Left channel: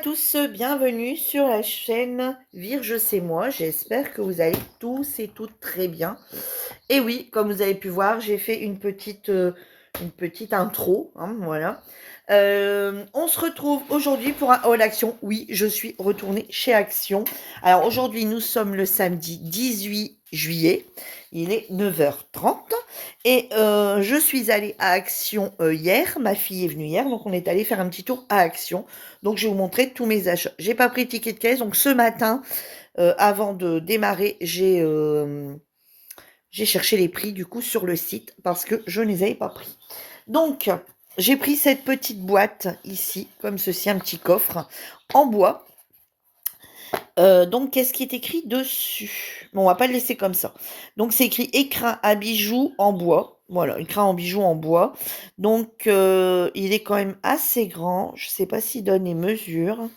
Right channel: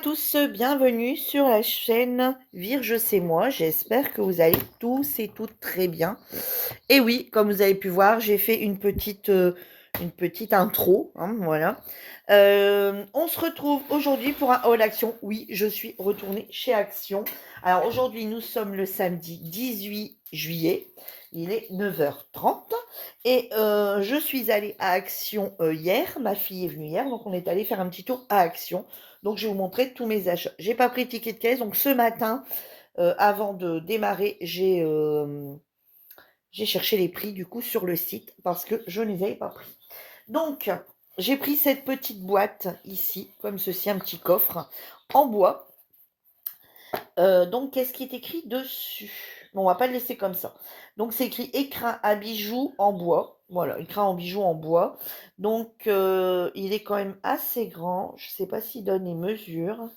tous, bienvenue sur la chaîne Virge c'est moi. J'espère que vous allez tous et toutes très bien. Et oui, comme vous avez pu voir, j'ai fait une petite intro, hein, voilà. On se retrouve aujourd'hui pour un haul Action. Oui, je suis retournée chez Action. Alors aujourd'hui, nous sommes le samedi 18 juillet. Il est 9h30 et je suis allée à Action hier. Ma fille est venue hier, donc on est allé faire un petit tour à Action. Donc je vais vous montrer tous mes achats. J'ai pas pris de ticket de caisse, donc ce matin, avant de démarrer, j'ai cherché les prix du coup sur le site parce que je ne les avais pas pris. Donc, j'ai pris cette petite boîte ici, comme ceci, un petit coffre en bois. Donc, qu'est-ce qui est écrit dessus? Bon, on va pas le laisser comme ça. Donc, c'est écrit écrin à bijoux en bois. Voilà, écrin en bijoux en bois. Donc, il est quand même assez grand. Je ne sais pas s'il donne les mesures.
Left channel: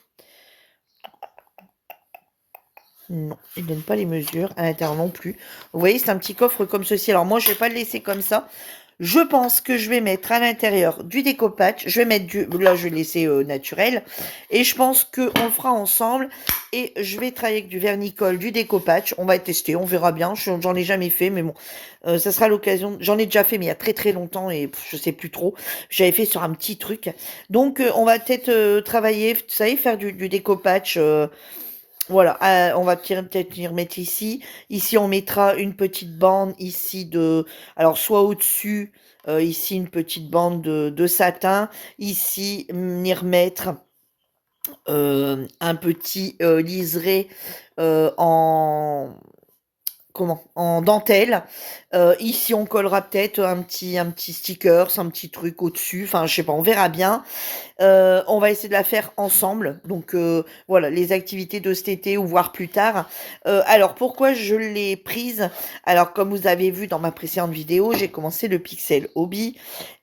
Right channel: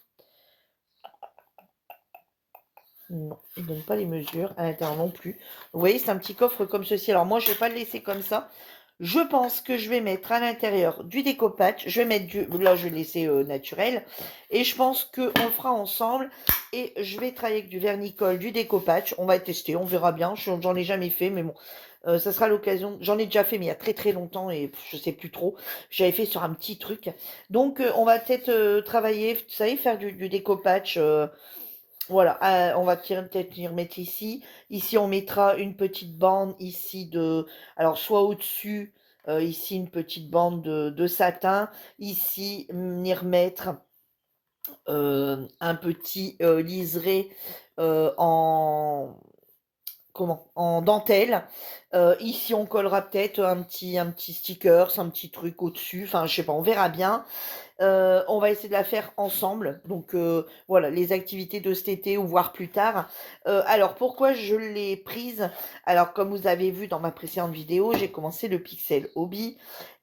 Non, il ne donne pas les mesures. À l'intérieur non plus. Vous voyez, c'est un petit coffre comme ceci. Alors, moi, je ne vais pas le laisser comme ça. Je pense que je vais mettre à l'intérieur du découpage. Je vais mettre du... Là, je vais laisser naturel. Et je pense qu'on le fera ensemble. Et je vais travailler avec du vernicole, du découpage. On va tester, on verra bien. J'en ai jamais fait, mais bon. Ça sera l'occasion. J'en ai déjà fait, mais il y a très très longtemps. Et je sais plus trop. J'avais fait sur un petit truc. Donc, on va peut-être travailler, vous savez, faire du découpage. Voilà, on va peut-être y remettre ici. Ici, on mettra une petite bande ici de... Alors, soit au-dessus, ici, une petite bande de satin. Ici, y remettre un petit liseré en... Comment? En dentelle. Ici, on collera peut-être un petit sticker, un petit truc au-dessus. Enfin, je sais pas, on verra bien. On va essayer de la faire ensemble. Donc voilà, les activités de cet été ou voire plus tard. Alors pourquoi je l'ai prise? Alors comme vous avez vu dans ma précédente vidéo, j'ai commencé le Pixel Hobby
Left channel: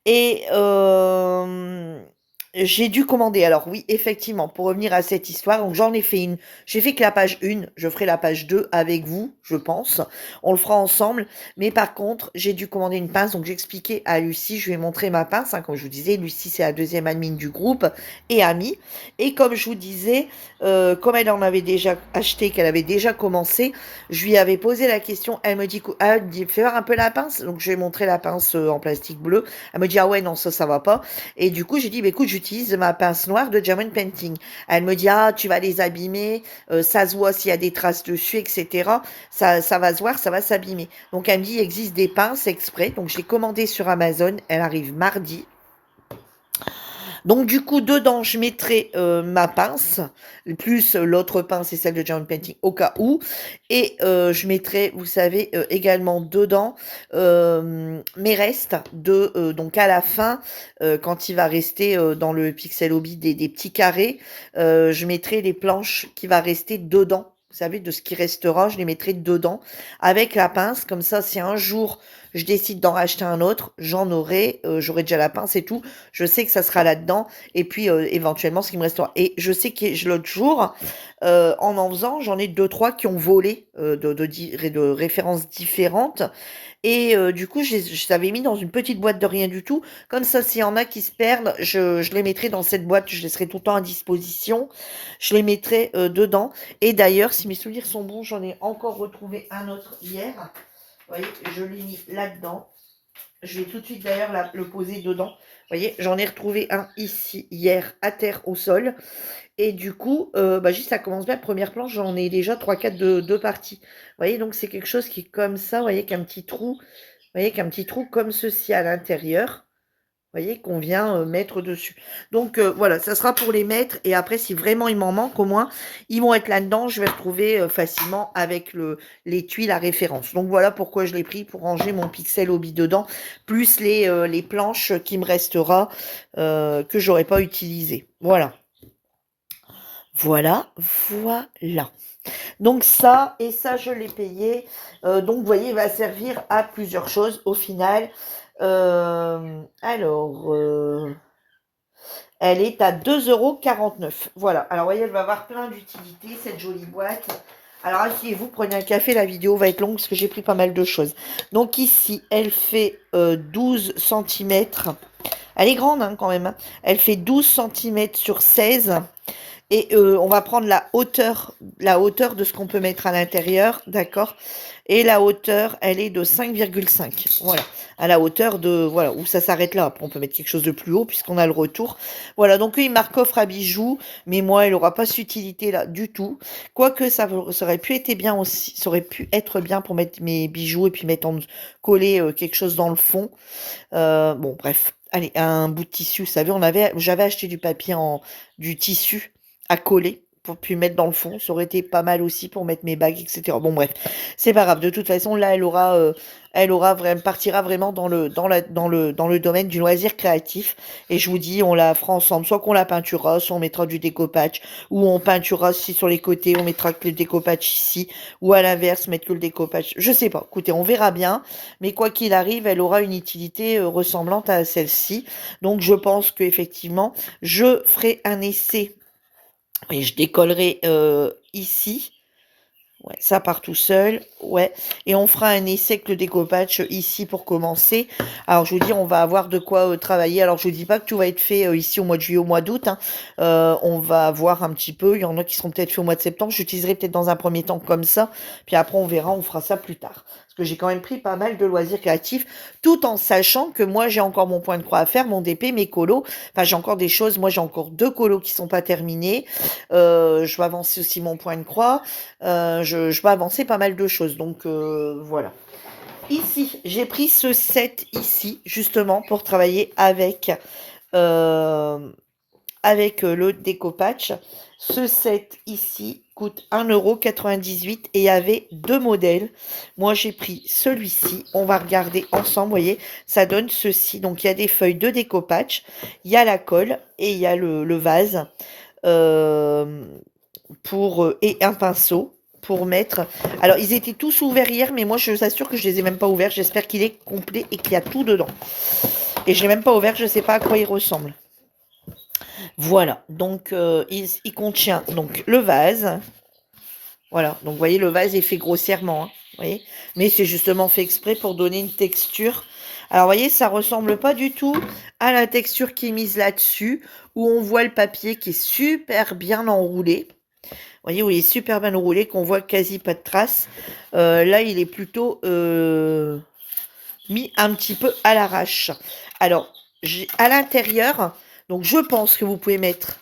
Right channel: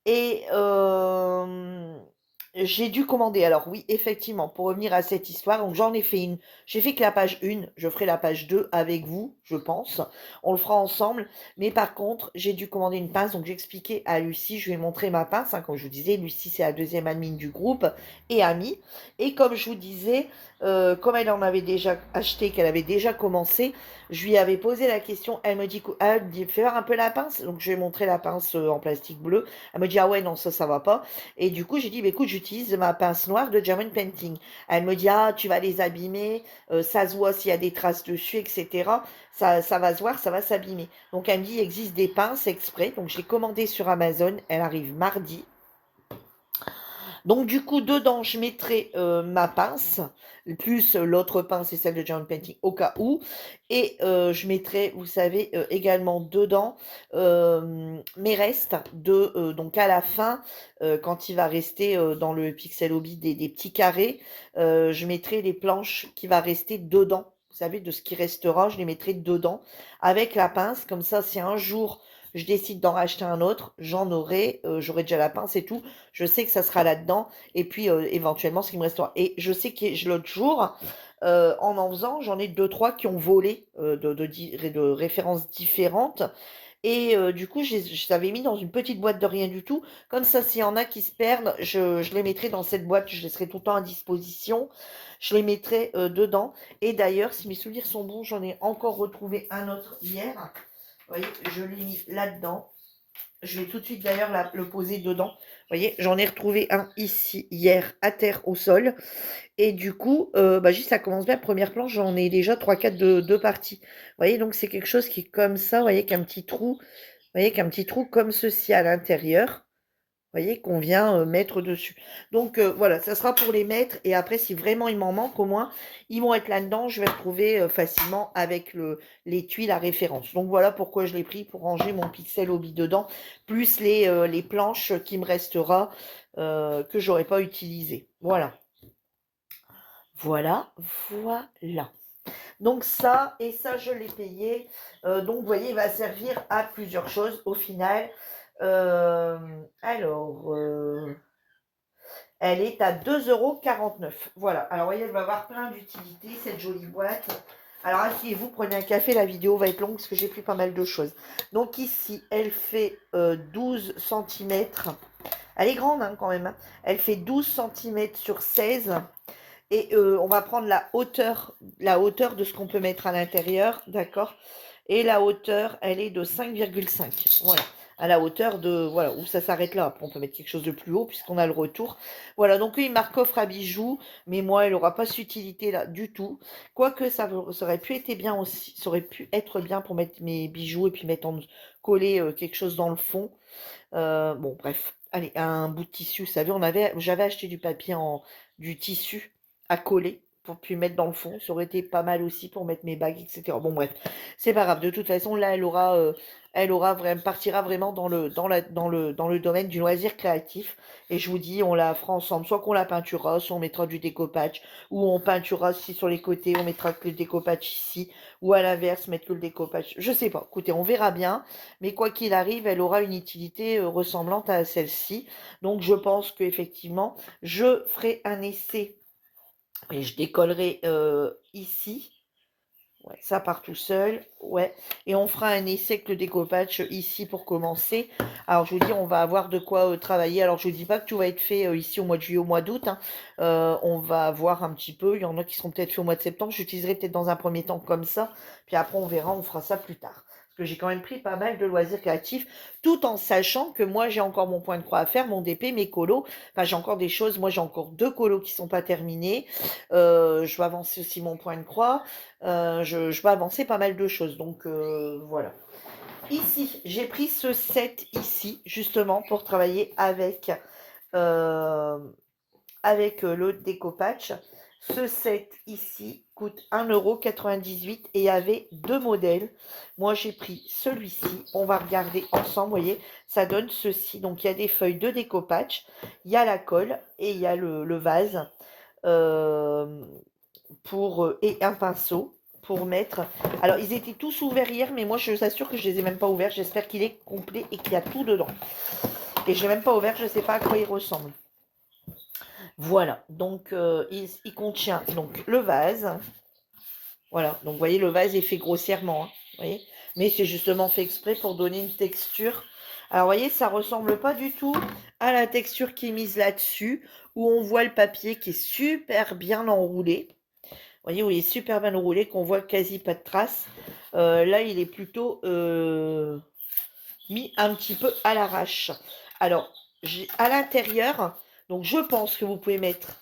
et j'ai dû commander. Alors oui, effectivement, pour revenir à cette histoire, donc j'en ai fait une. J'ai fait que la page 1, je ferai la page 2 avec vous, je pense. On le fera ensemble. Mais par contre, j'ai dû commander une pince. Donc j'ai expliqué à Lucie, je lui ai montré ma pince. Hein, comme je vous disais, Lucie, c'est la deuxième admin du groupe et amie. Et comme je vous disais, comme elle en avait déjà acheté, qu'elle avait déjà commencé, je lui avais posé la question. Elle me dit, ah, fais voir un peu la pince. Donc je lui ai montré la pince en plastique bleu. Elle me dit, ah ouais, non, ça va pas. Et du coup, j'ai dit, bah, écoute, j'utilise ma pince noire de German Painting. Elle me dit, ah, tu vas les abîmer, ça se voit s'il y a des traces dessus, etc. Ça va se voir, ça va s'abîmer. Donc, elle me dit, il existe des pinces exprès. Donc, je l'ai commandé sur Amazon. Elle arrive mardi. Donc, du coup, dedans, je mettrai ma pince, plus l'autre pince et celle de German Painting au cas où. Et je mettrai, vous savez, également dedans mes restes donc à la fin, quand il va rester dans le Pixel Hobby des petits carrés, je mettrai les planches qui va rester dedans. Vous savez, de ce qui restera, je les mettrai dedans avec la pince. Comme ça, si un jour je décide d'en racheter un autre, j'aurai déjà la pince et tout. Je sais que ça sera là-dedans. Et puis, éventuellement, ce qui me restera. Et je sais que l'autre jour, en faisant, j'en ai deux, trois qui ont volé de références différentes. Et du coup, je les avais mis dans une petite boîte de rien du tout. Comme ça, s'il y en a qui se perdent, je les mettrai dans cette boîte. Je laisserai tout le temps à disposition. Je les mettrai dedans. Et d'ailleurs, si mes souvenirs sont bons, j'en ai encore retrouvé un autre hier. Vous voyez, je l'ai mis là-dedans. Je vais tout de suite d'ailleurs le poser dedans. Vous voyez, j'en ai retrouvé un ici hier à terre au sol. Et du coup, juste ça commence bien. Première planche, j'en ai déjà 3-4 de parties. Vous voyez, donc c'est quelque chose qui est comme ça. Vous voyez, qu'un petit trou. Vous voyez, qu'un petit trou comme ceci à l'intérieur. Vous voyez, qu'on vient mettre dessus. Donc, voilà, ça sera pour les mettre. Et après, si vraiment il m'en manque, au moins, ils vont être là-dedans. Je vais retrouver facilement avec les tuiles à référence. Donc, voilà pourquoi je l'ai pris pour ranger mon Pixel Hobby dedans. Plus les planches qui me restera, que j'aurais pas utilisées. Voilà. Voilà, voilà. Donc ça, et ça, je l'ai payé. Donc, vous voyez, il va servir à plusieurs choses au final. Alors, elle est à 2,49 €. Voilà. Alors, vous voyez, elle va avoir plein d'utilités, cette jolie boîte. Alors, asseyez-vous, prenez un café. La vidéo va être longue parce que j'ai pris pas mal de choses. Donc, ici, elle fait 12 cm. Elle est grande hein, quand même. Hein. Elle fait 12 cm sur 16. Et on va prendre la hauteur de ce qu'on peut mettre à l'intérieur, d'accord? Et la hauteur, elle est de 5,5. Voilà, à la hauteur de, voilà, où ça s'arrête là. Après, on peut mettre quelque chose de plus haut puisqu'on a le retour. Voilà, donc il marque coffre à bijoux, mais moi, elle n'aura pas cette utilité là du tout. Quoique ça aurait pu être bien aussi, ça aurait pu être bien pour mettre mes bijoux et puis coller quelque chose dans le fond. Bon, bref. Allez, un bout de tissu, vous savez, j'avais acheté du tissu à coller pour puis mettre dans le fond. Ça aurait été pas mal aussi pour mettre mes bagues, etc. Bon, bref, c'est pas grave. De toute façon, là, elle aura vraiment, partira vraiment dans le domaine du loisir créatif. Et je vous dis, on la fera ensemble. Soit qu'on la peinturera, soit on mettra du découpage, ou on peinturera aussi sur les côtés, on mettra que le découpage ici, ou à l'inverse, mettre que le découpage. Je sais pas. Écoutez, on verra bien. Mais quoi qu'il arrive, elle aura une utilité ressemblante à celle-ci. Donc je pense qu'effectivement, je ferai un essai et je décollerai ici. Ouais, ça part tout seul. Ouais. Et on fera un essai avec le découpage ici pour commencer. Alors, je vous dis, on va avoir de quoi travailler. Alors, je ne dis pas que tout va être fait ici au mois de juillet, au mois d'août, hein. On va voir un petit peu. Il y en a qui seront peut-être faits au mois de septembre. J'utiliserai peut-être dans un premier temps comme ça. Puis après, on verra, on fera ça plus tard. Parce que j'ai quand même pris pas mal de loisirs créatifs, tout en sachant que moi, j'ai encore mon point de croix à faire, mon DP, mes colos. Enfin, j'ai encore des choses. Moi, j'ai encore 2 colos qui ne sont pas terminés. Je vais avancer aussi mon point de croix. Je vais avancer pas mal de choses. Donc voilà. Ici, j'ai pris ce set ici, justement, pour travailler euh, avec le découpage. Ce set ici coûte 1,98 € et il y avait 2 modèles. Moi, j'ai pris celui-ci. On va regarder ensemble. Vous voyez, ça donne ceci. Donc, il y a des feuilles de découpage, il y a la colle et il y a le vase. Euh, et un pinceau pour mettre. Alors, ils étaient tous ouverts hier, mais moi, je vous assure que je les ai même pas ouverts. J'espère qu'il est complet et qu'il y a tout dedans. Et je l'ai même pas ouvert, je ne sais pas à quoi il ressemble. Voilà, donc il contient donc le vase. Voilà, donc vous voyez, le vase est fait grossièrement, hein, vous voyez, mais c'est justement fait exprès pour donner une texture. Alors, vous voyez, ça ressemble pas du tout à la texture qui est mise là-dessus, où on voit le papier qui est super bien enroulé. Vous voyez, où il est super bien roulé, qu'on voit quasi pas de traces. Là, il est plutôt mis un petit peu à l'arrache. Alors, à l'intérieur, donc je pense que vous pouvez mettre...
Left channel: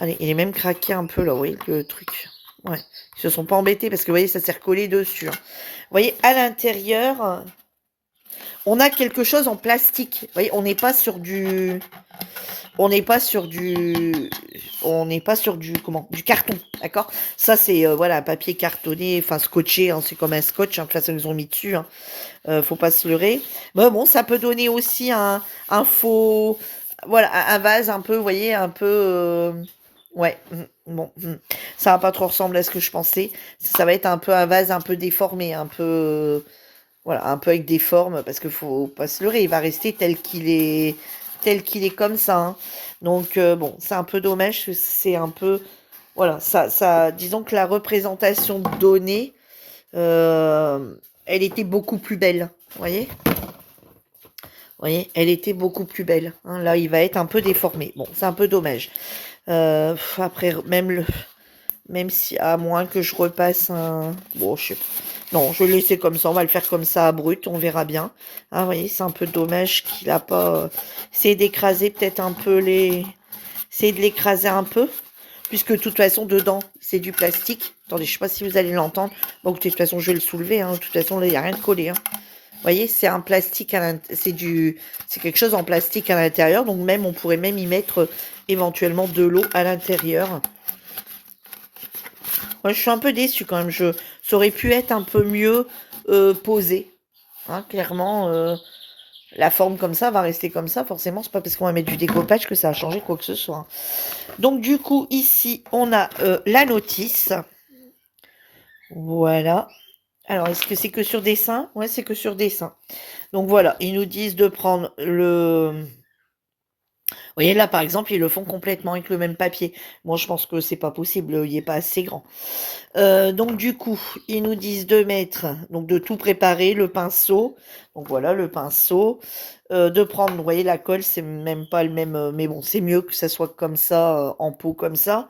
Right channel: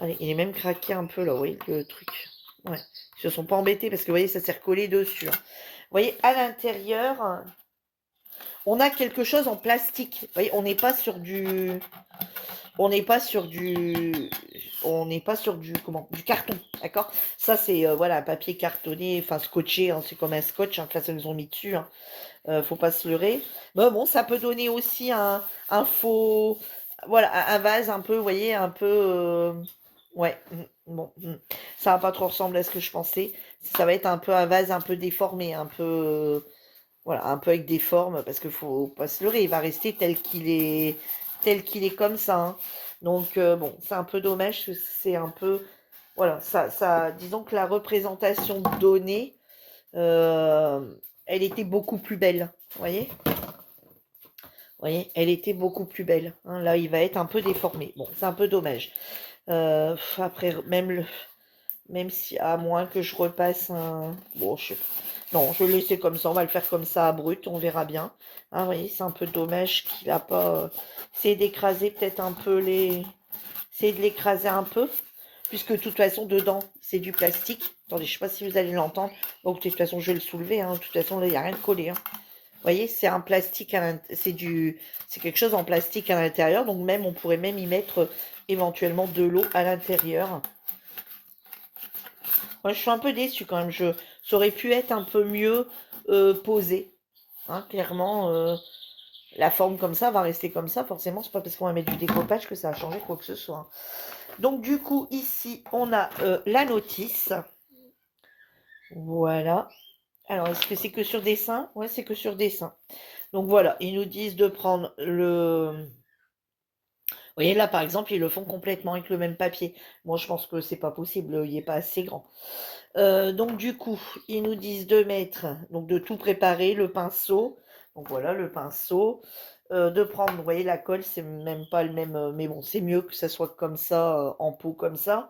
Allez, il est même craqué un peu là, vous voyez, le truc. Ouais, ils se sont pas embêtés parce que vous voyez, ça s'est recollé dessus, hein. Vous voyez, à l'intérieur, on a quelque chose en plastique. Vous voyez, on n'est pas sur du... On n'est pas sur du... On n'est pas sur du... Comment? Du carton, d'accord? Ça, c'est, voilà, un papier cartonné, enfin, scotché, hein, c'est comme un scotch, hein, de toute façon, ils ont mis dessus, hein. Faut pas se leurrer. Mais bon, ça peut donner aussi un faux... Voilà, un vase un peu, vous voyez, un peu... Ouais, bon, ça va pas trop ressembler à ce que je pensais. Ça va être un peu un vase un peu déformé, un peu... voilà, un peu avec des formes, parce qu'il faut pas se leurrer, il va rester tel qu'il est comme ça, hein. Donc, bon, c'est un peu dommage, c'est un peu, voilà, disons que la représentation donnée, elle était beaucoup plus belle, vous voyez? Vous voyez, elle était beaucoup plus belle, hein. Là, il va être un peu déformé. Bon, c'est un peu dommage. Après, même si, à moins que je repasse un... Bon, non, je vais le laisser comme ça. On va le faire comme ça, brut. On verra bien. Ah, vous voyez, c'est un peu dommage qu'il a pas... essayé d'écraser peut-être un peu les... Essayer de l'écraser un peu. Puisque de toute façon, dedans, c'est du plastique. Attendez, je ne sais pas si vous allez l'entendre. Bon, de toute façon, je vais le soulever, hein. De toute façon, là, il n'y a rien de collé, hein. Vous voyez, c'est un plastique, c'est quelque chose en plastique à l'intérieur. Donc même, on pourrait même y mettre éventuellement de l'eau à l'intérieur. Moi, je suis un peu déçue quand même. Ça aurait pu être un peu mieux posé, hein, clairement, la forme comme ça va rester comme ça. Forcément, c'est pas parce qu'on va mettre du découpage que ça a changé quoi que ce soit. Donc du coup, ici, on a la notice. Voilà. Alors, est-ce que c'est que sur dessin? Ouais, c'est que sur dessin. Donc voilà, ils nous disent de prendre voyez, là, par exemple, ils le font complètement avec le même papier. Moi, je pense que c'est pas possible, il est pas assez grand. Donc du coup, ils nous disent de mettre donc de tout préparer, le pinceau. Donc voilà, le pinceau. De prendre, vous voyez, la colle, c'est même pas le même, mais bon, c'est mieux que ça soit comme ça, en pot comme ça.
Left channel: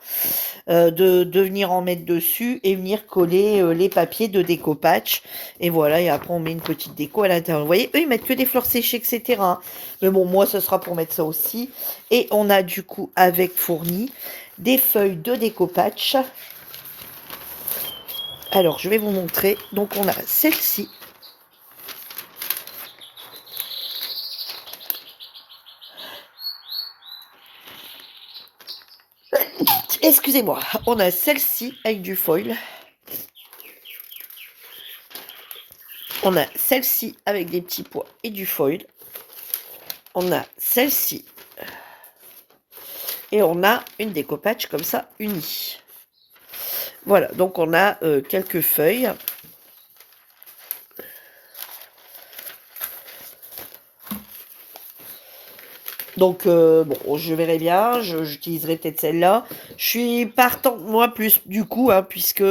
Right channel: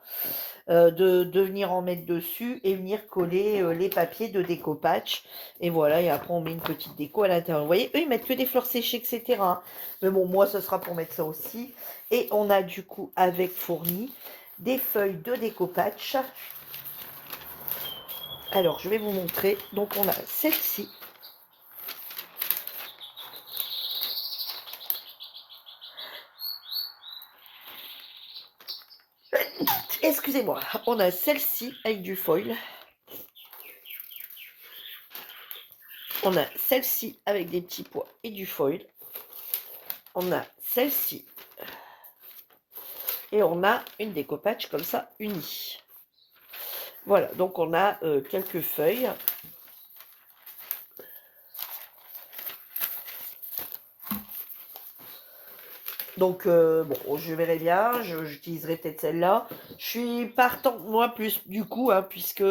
De venir en mettre dessus et venir coller, les papiers de découpage et voilà et après on met une petite déco à l'intérieur. Vous voyez, eux, ils mettent que des fleurs séchées et cetera, hein. Mais bon, moi, ce sera pour mettre ça aussi et on a du coup avec fourni des feuilles de découpage. Alors, je vais vous montrer. Donc, on a celle-ci. Excusez-moi. On a celle-ci avec du foil. On a celle-ci avec des petits pois et du foil. On a celle-ci. Et on a une découpage comme ça, unie. Voilà, donc on a quelques feuilles. Donc, bon, je verrai bien, j'utiliserai peut-être celle-là. Je suis partant, moi, plus du coup, hein, puisque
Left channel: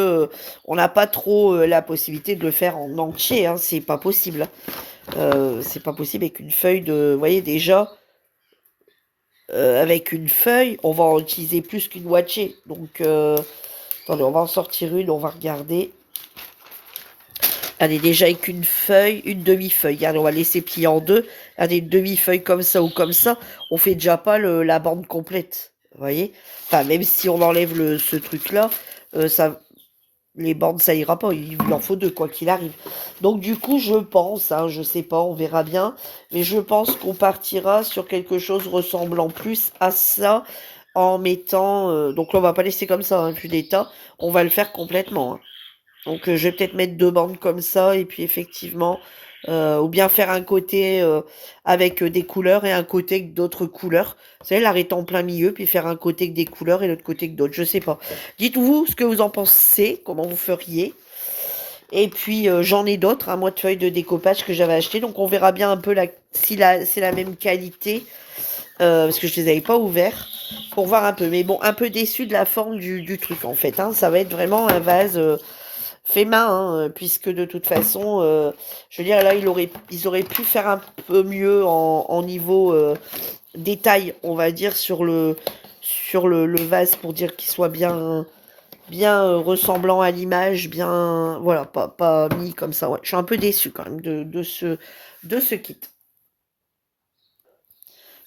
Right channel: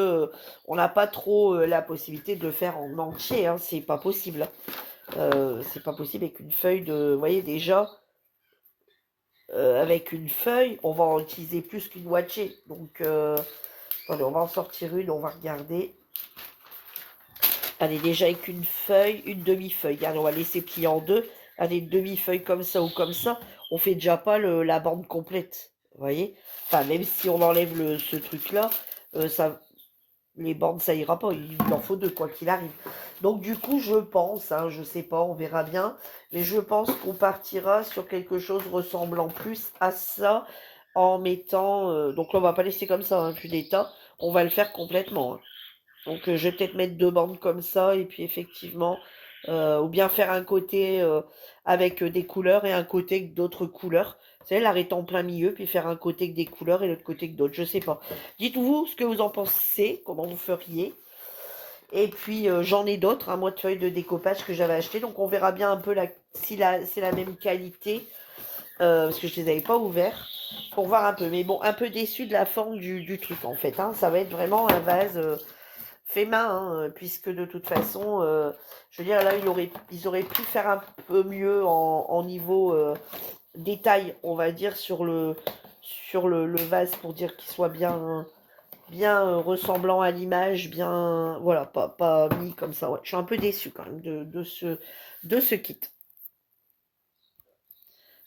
on n'a pas trop la possibilité de le faire en entier, hein, c'est pas possible. C'est pas possible avec une feuille de... Vous voyez, déjà, avec une feuille, on va en utiliser plus qu'une moitié. Donc, attendez, on va en sortir une, on va regarder. Allez, déjà avec une feuille, une demi-feuille. Allez, on va laisser plier en deux. Allez, une demi-feuille comme ça ou comme ça. On fait déjà pas la bande complète. Vous voyez? Enfin, même si on enlève ce truc-là, ça, les bandes, ça ira pas. Il en faut deux, quoi qu'il arrive. Donc, du coup, je pense, hein, je sais pas, on verra bien. Mais je pense qu'on partira sur quelque chose ressemblant plus à ça en mettant... donc là, on va pas laisser comme ça, hein, plus d'état. On va le faire complètement, hein. Donc, je vais peut-être mettre deux bandes comme ça et puis effectivement, ou bien faire un côté avec des couleurs et un côté avec d'autres couleurs. Vous savez, l'arrêter en plein milieu, puis faire un côté avec des couleurs et l'autre côté avec d'autres. Je sais pas. Dites-vous ce que vous en pensez, comment vous feriez. Et puis, j'en ai d'autres, un mois de feuilles de découpage que j'avais acheté. Donc, on verra bien un peu si c'est la même qualité, parce que je les avais pas ouverts, pour voir un peu. Mais bon, un peu déçu de la forme du truc, en fait, hein. Ça va être vraiment un vase... fait main, hein, puisque de toute façon, je veux dire, là, ils auraient pu faire un peu mieux en niveau détail, on va dire, sur le vase pour dire qu'il soit bien ressemblant à l'image, bien, voilà, pas mis comme ça. Ouais. Je suis un peu déçue quand même de ce kit.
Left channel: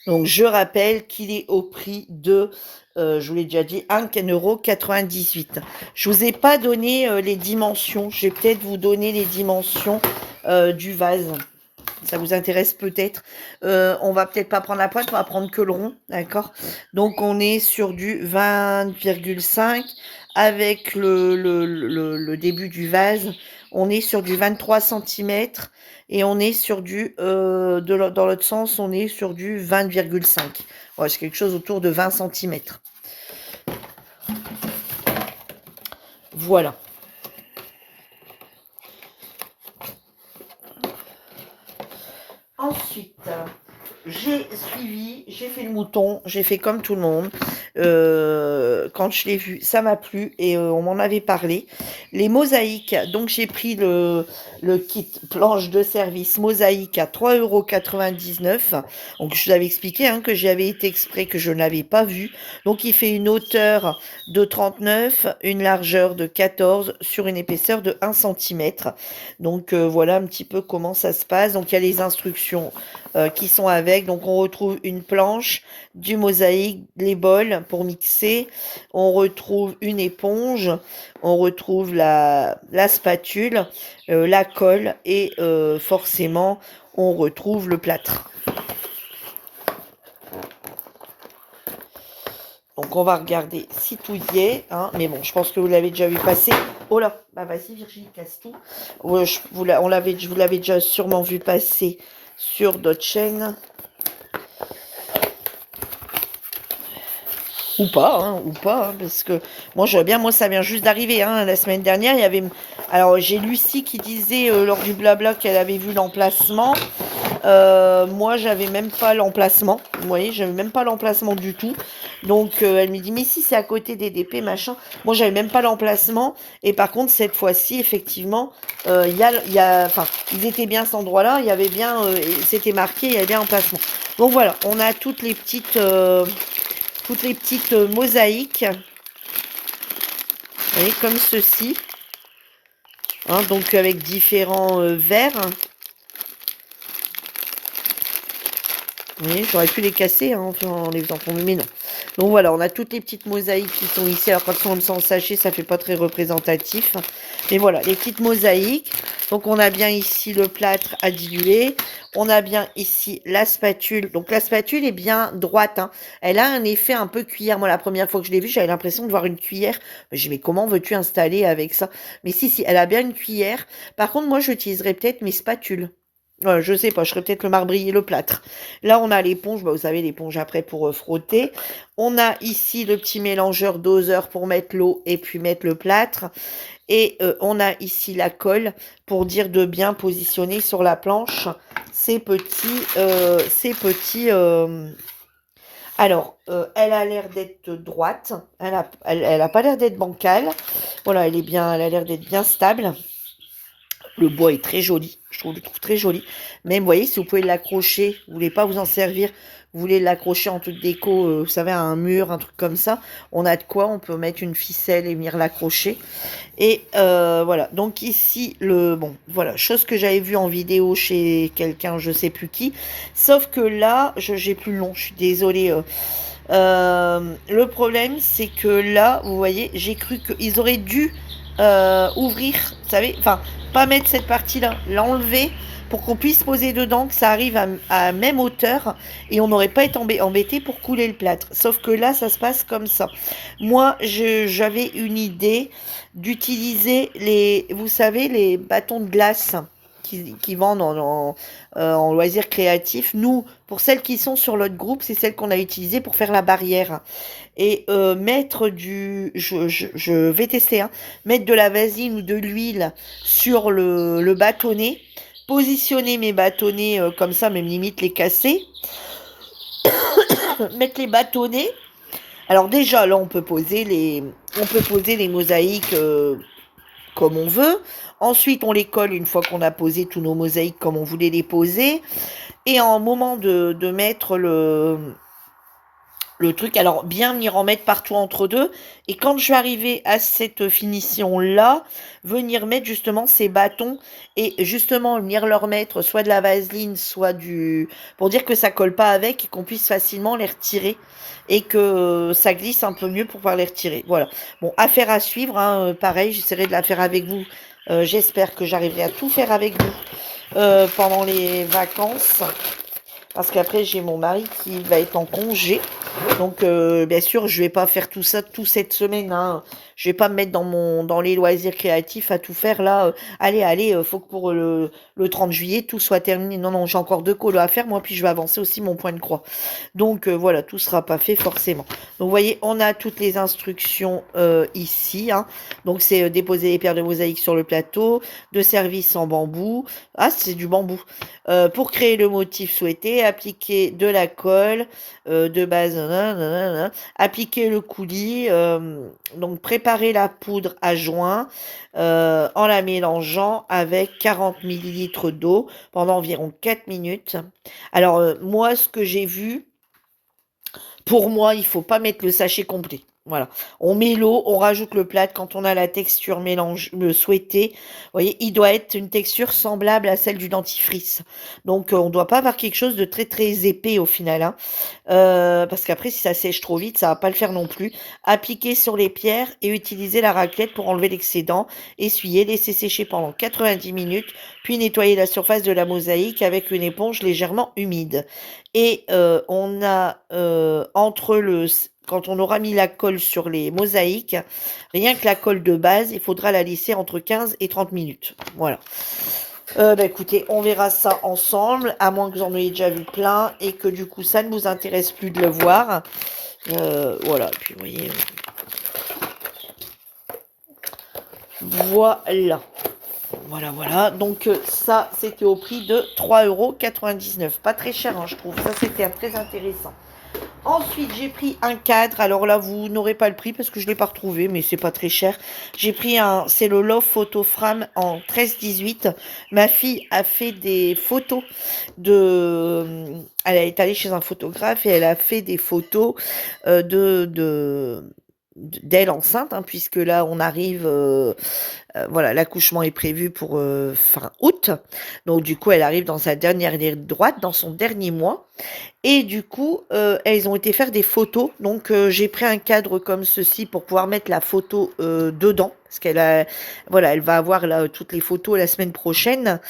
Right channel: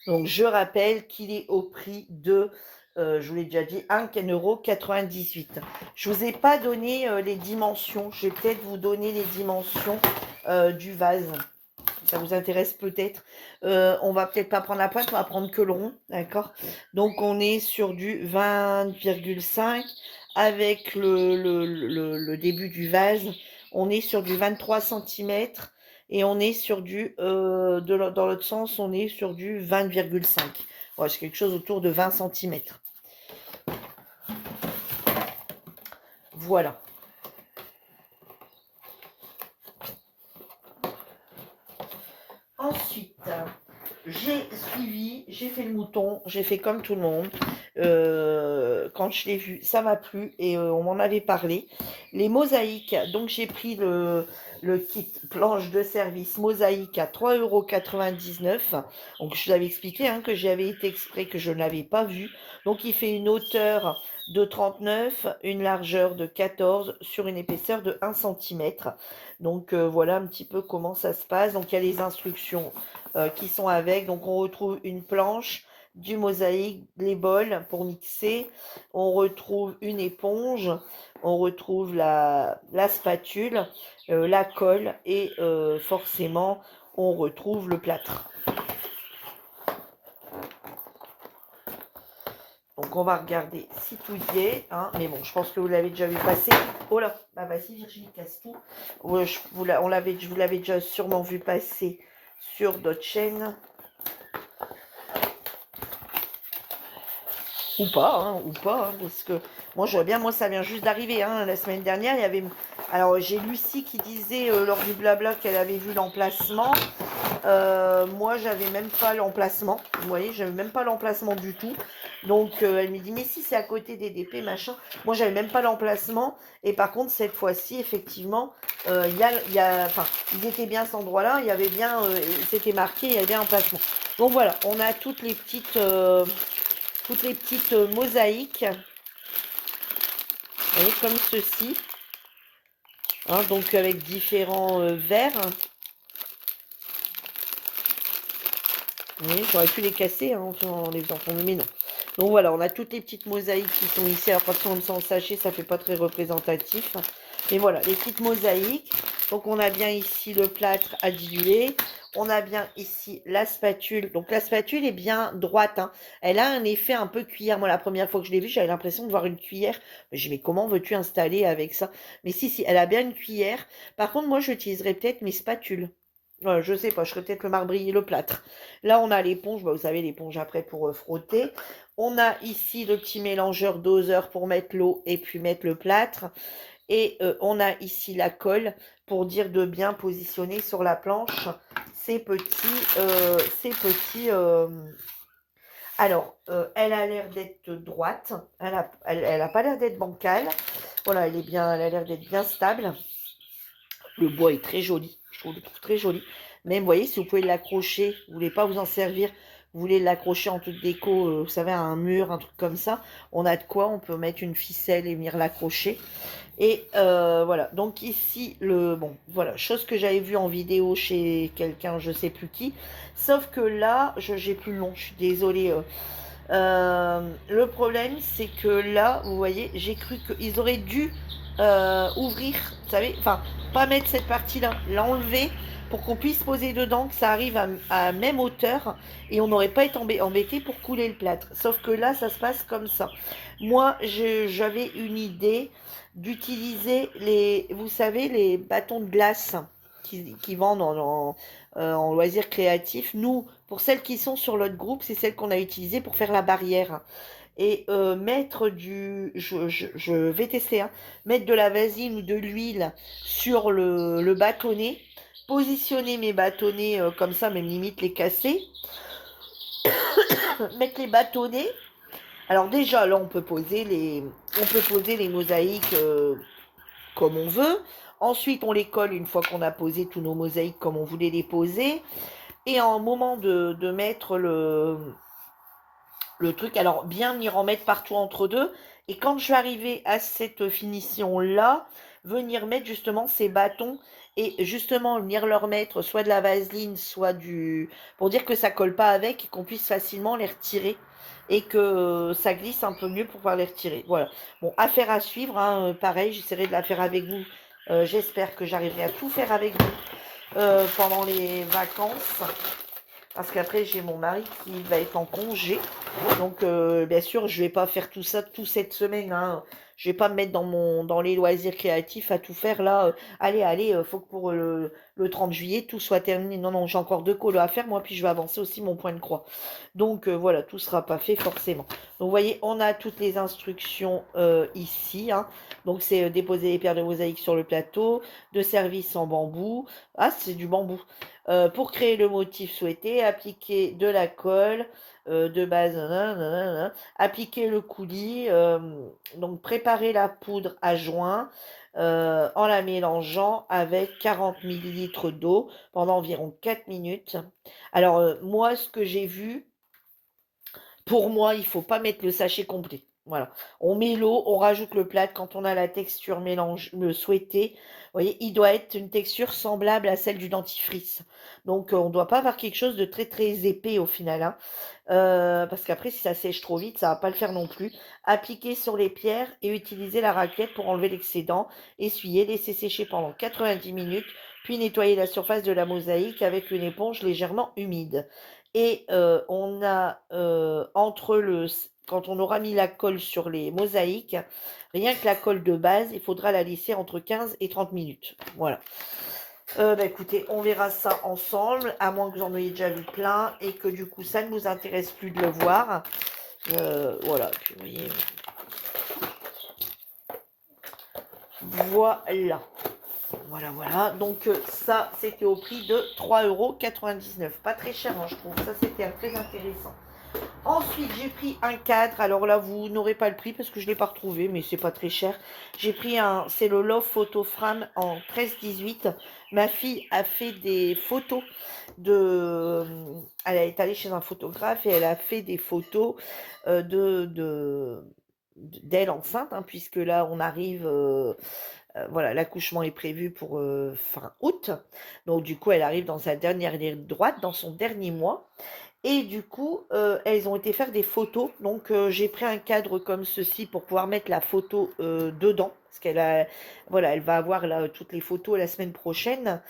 Donc, je rappelle qu'il est au prix de, je vous l'ai déjà dit, 1,98 €. Je ne vous ai pas donné les dimensions. Je vais peut-être vous donner les dimensions du vase. Ça vous intéresse peut-être. On va peut-être pas prendre la pointe, on va prendre que le rond, d'accord? Donc, on est sur du 20,5 avec le début du vase. On est sur du 23 centimètres. Et on est sur dans l'autre sens, on est sur du 20,5. Ouais, c'est quelque chose autour de 20 centimètres. Voilà. Ensuite, j'ai fait le mouton, j'ai fait comme tout le monde. Quand je l'ai vu, ça m'a plu et on m'en avait parlé. Les mosaïques, donc j'ai pris le kit planche de service mosaïque à 3,99 €. Donc je vous avais expliqué hein, que j'y avais été exprès, que je ne l'avais pas vu. Donc il fait une hauteur de 39, une largeur de 14 sur une épaisseur de 1 cm. Donc voilà un petit peu comment ça se passe. Donc il y a les instructions qui sont avec. Donc on retrouve une planche, du mosaïque, les bols pour mixer. On retrouve une éponge, on retrouve la spatule, la colle et forcément on retrouve le plâtre. Donc on va regarder si tout y est, hein. Mais bon, je pense que vous l'avez déjà vu passer. Oh là, bah vas-y Virginie, casse tout. Ouais, je vous l'avais déjà sûrement vu passer sur d'autres chaînes. Ou pas, hein, parce que moi ça vient juste d'arriver, hein, la semaine dernière, il y avait, alors j'ai Lucie qui disait lors du blabla qu'elle avait vu l'emplacement, Moi, j'avais même pas l'emplacement. Vous voyez, j'avais même pas l'emplacement du tout. Donc, elle me dit, mais si c'est à côté des DP, machin. Moi, j'avais même pas l'emplacement. Et par contre, cette fois-ci, effectivement, enfin, ils étaient bien à cet endroit-là. Il y avait bien, c'était marqué, il y avait bien l'emplacement. Donc voilà, on a toutes les petites mosaïques. Vous voyez, comme ceci. Hein, donc avec différents verres. Oui, j'aurais pu les casser hein, en les faisant tomber, mais non. Donc voilà, on a toutes les petites mosaïques qui sont ici. Alors quand on s'en sachet, ça fait pas très représentatif. Mais voilà, les petites mosaïques. Donc on a bien ici le plâtre à diluer. On a bien ici la spatule. Donc la spatule est bien droite. Hein. Elle a un effet un peu cuillère. Moi, la première fois que je l'ai vue, j'avais l'impression de voir une cuillère. J'ai dit, mais comment veux-tu installer avec ça? Mais si, elle a bien une cuillère. Par contre, moi, j'utiliserais peut-être mes spatules. Je sais pas, je ferais peut-être le marbrier, le plâtre. Là, on a l'éponge, bah, vous savez, l'éponge après pour frotter. On a ici le petit mélangeur doseur pour mettre l'eau et puis mettre le plâtre. Et on a ici la colle pour dire de bien positionner sur la planche ces petits. Alors, elle a l'air d'être droite. Elle a pas l'air d'être bancale. Voilà, elle a l'air d'être bien stable. Le bois est très joli, je le trouve très joli. Même, vous voyez, si vous pouvez l'accrocher, vous voulez pas vous en servir, vous voulez l'accrocher en toute déco, vous savez, à un mur, un truc comme ça, on a de quoi, on peut mettre une ficelle et venir l'accrocher. Et voilà, donc ici, bon, voilà, chose que j'avais vue en vidéo chez quelqu'un, je sais plus qui, sauf que là, j'ai plus le nom, je suis désolée. Le problème, c'est que là, vous voyez, j'ai cru qu'ils auraient dû ouvrir, vous savez, enfin, pas mettre cette partie-là, l'enlever pour qu'on puisse poser dedans, que ça arrive à même hauteur et on n'aurait pas été embêté pour couler le plâtre. Sauf que là, ça se passe comme ça. Moi, j'avais une idée d'utiliser vous savez, les bâtons de glace qui vendent en loisirs créatifs. Nous, pour celles qui sont sur notre groupe, c'est celles qu'on a utilisées pour faire la barrière. Et mettre je vais tester, hein, mettre de la vaseline ou de l'huile sur le bâtonnet, positionner mes bâtonnets comme ça, même limite les casser, mettre les bâtonnets. Alors déjà, là, on peut poser les mosaïques comme on veut. Ensuite, on les colle une fois qu'on a posé tous nos mosaïques comme on voulait les poser. Et en moment de mettre le truc, alors bien venir en mettre partout entre deux. Et quand je vais arriver à cette finition-là, venir mettre justement ces bâtons et justement venir leur mettre soit de la vaseline, soit pour dire que ça colle pas avec et qu'on puisse facilement les retirer et que ça glisse un peu mieux pour pouvoir les retirer. Voilà. Bon, affaire à suivre, hein, pareil, j'essaierai de la faire avec vous. J'espère que j'arriverai à tout faire avec vous pendant les vacances. Parce qu'après, j'ai mon mari qui va être en congé. Donc, bien sûr, je vais pas faire tout ça toute cette semaine. Hein. Je vais pas me mettre dans les loisirs créatifs à tout faire là. Allez, faut que pour le 30 juillet, tout soit terminé. Non, non, j'ai encore 2 colos à faire. Moi, puis je vais avancer aussi mon point de croix. Donc, voilà, tout sera pas fait forcément. Donc, vous voyez, on a toutes les instructions ici. Hein. Donc, c'est déposer les pierres de mosaïque sur le plateau, de service en bambou. Ah, c'est du bambou. Pour créer le motif souhaité, appliquer de la colle de base, nanana, appliquer le coulis, donc préparer la poudre à joint en la mélangeant avec 40 millilitres d'eau pendant environ 4 minutes. Alors, moi, ce que j'ai vu, pour moi, il faut pas mettre le sachet complet. Voilà. On met l'eau, on rajoute le plâtre quand on a la texture souhaitée. Vous voyez, il doit être une texture semblable à celle du dentifrice. Donc, on ne doit pas avoir quelque chose de très très épais au final. Hein. Parce qu'après, si ça sèche trop vite, ça va pas le faire non plus. Appliquer sur les pierres et utiliser la raclette pour enlever l'excédent. Essuyer, laisser sécher pendant 90 minutes, puis nettoyer la surface de la mosaïque avec une éponge légèrement humide. Et on a quand on aura mis la colle sur les mosaïques, rien que la colle de base, il faudra la laisser entre 15 et 30 minutes. Voilà. Bah, écoutez, on verra ça ensemble, à moins que vous en ayez déjà vu plein et que du coup ça ne vous intéresse plus de le voir. Voilà, puis vous voyez. Voilà. Voilà, voilà. Donc ça, c'était au prix de 3,99 €. Pas très cher, hein, je trouve. Ça, c'était très intéressant. Ensuite, j'ai pris un cadre. Alors là, vous n'aurez pas le prix parce que je ne l'ai pas retrouvé, mais c'est pas très cher. J'ai pris c'est le Love Photo Frame en 13-18. Ma fille a fait des photos Elle est allée chez un photographe et elle a fait des photos d'elle enceinte, hein, puisque là, on arrive. Voilà, l'accouchement est prévu pour fin août. Donc, du coup, elle arrive dans sa dernière ligne droite, dans son dernier mois. Et du coup, elles ont été faire des photos. Donc, j'ai pris un cadre comme ceci pour pouvoir mettre la photo dedans. Parce voilà, elle va avoir là, toutes les photos la semaine prochaine.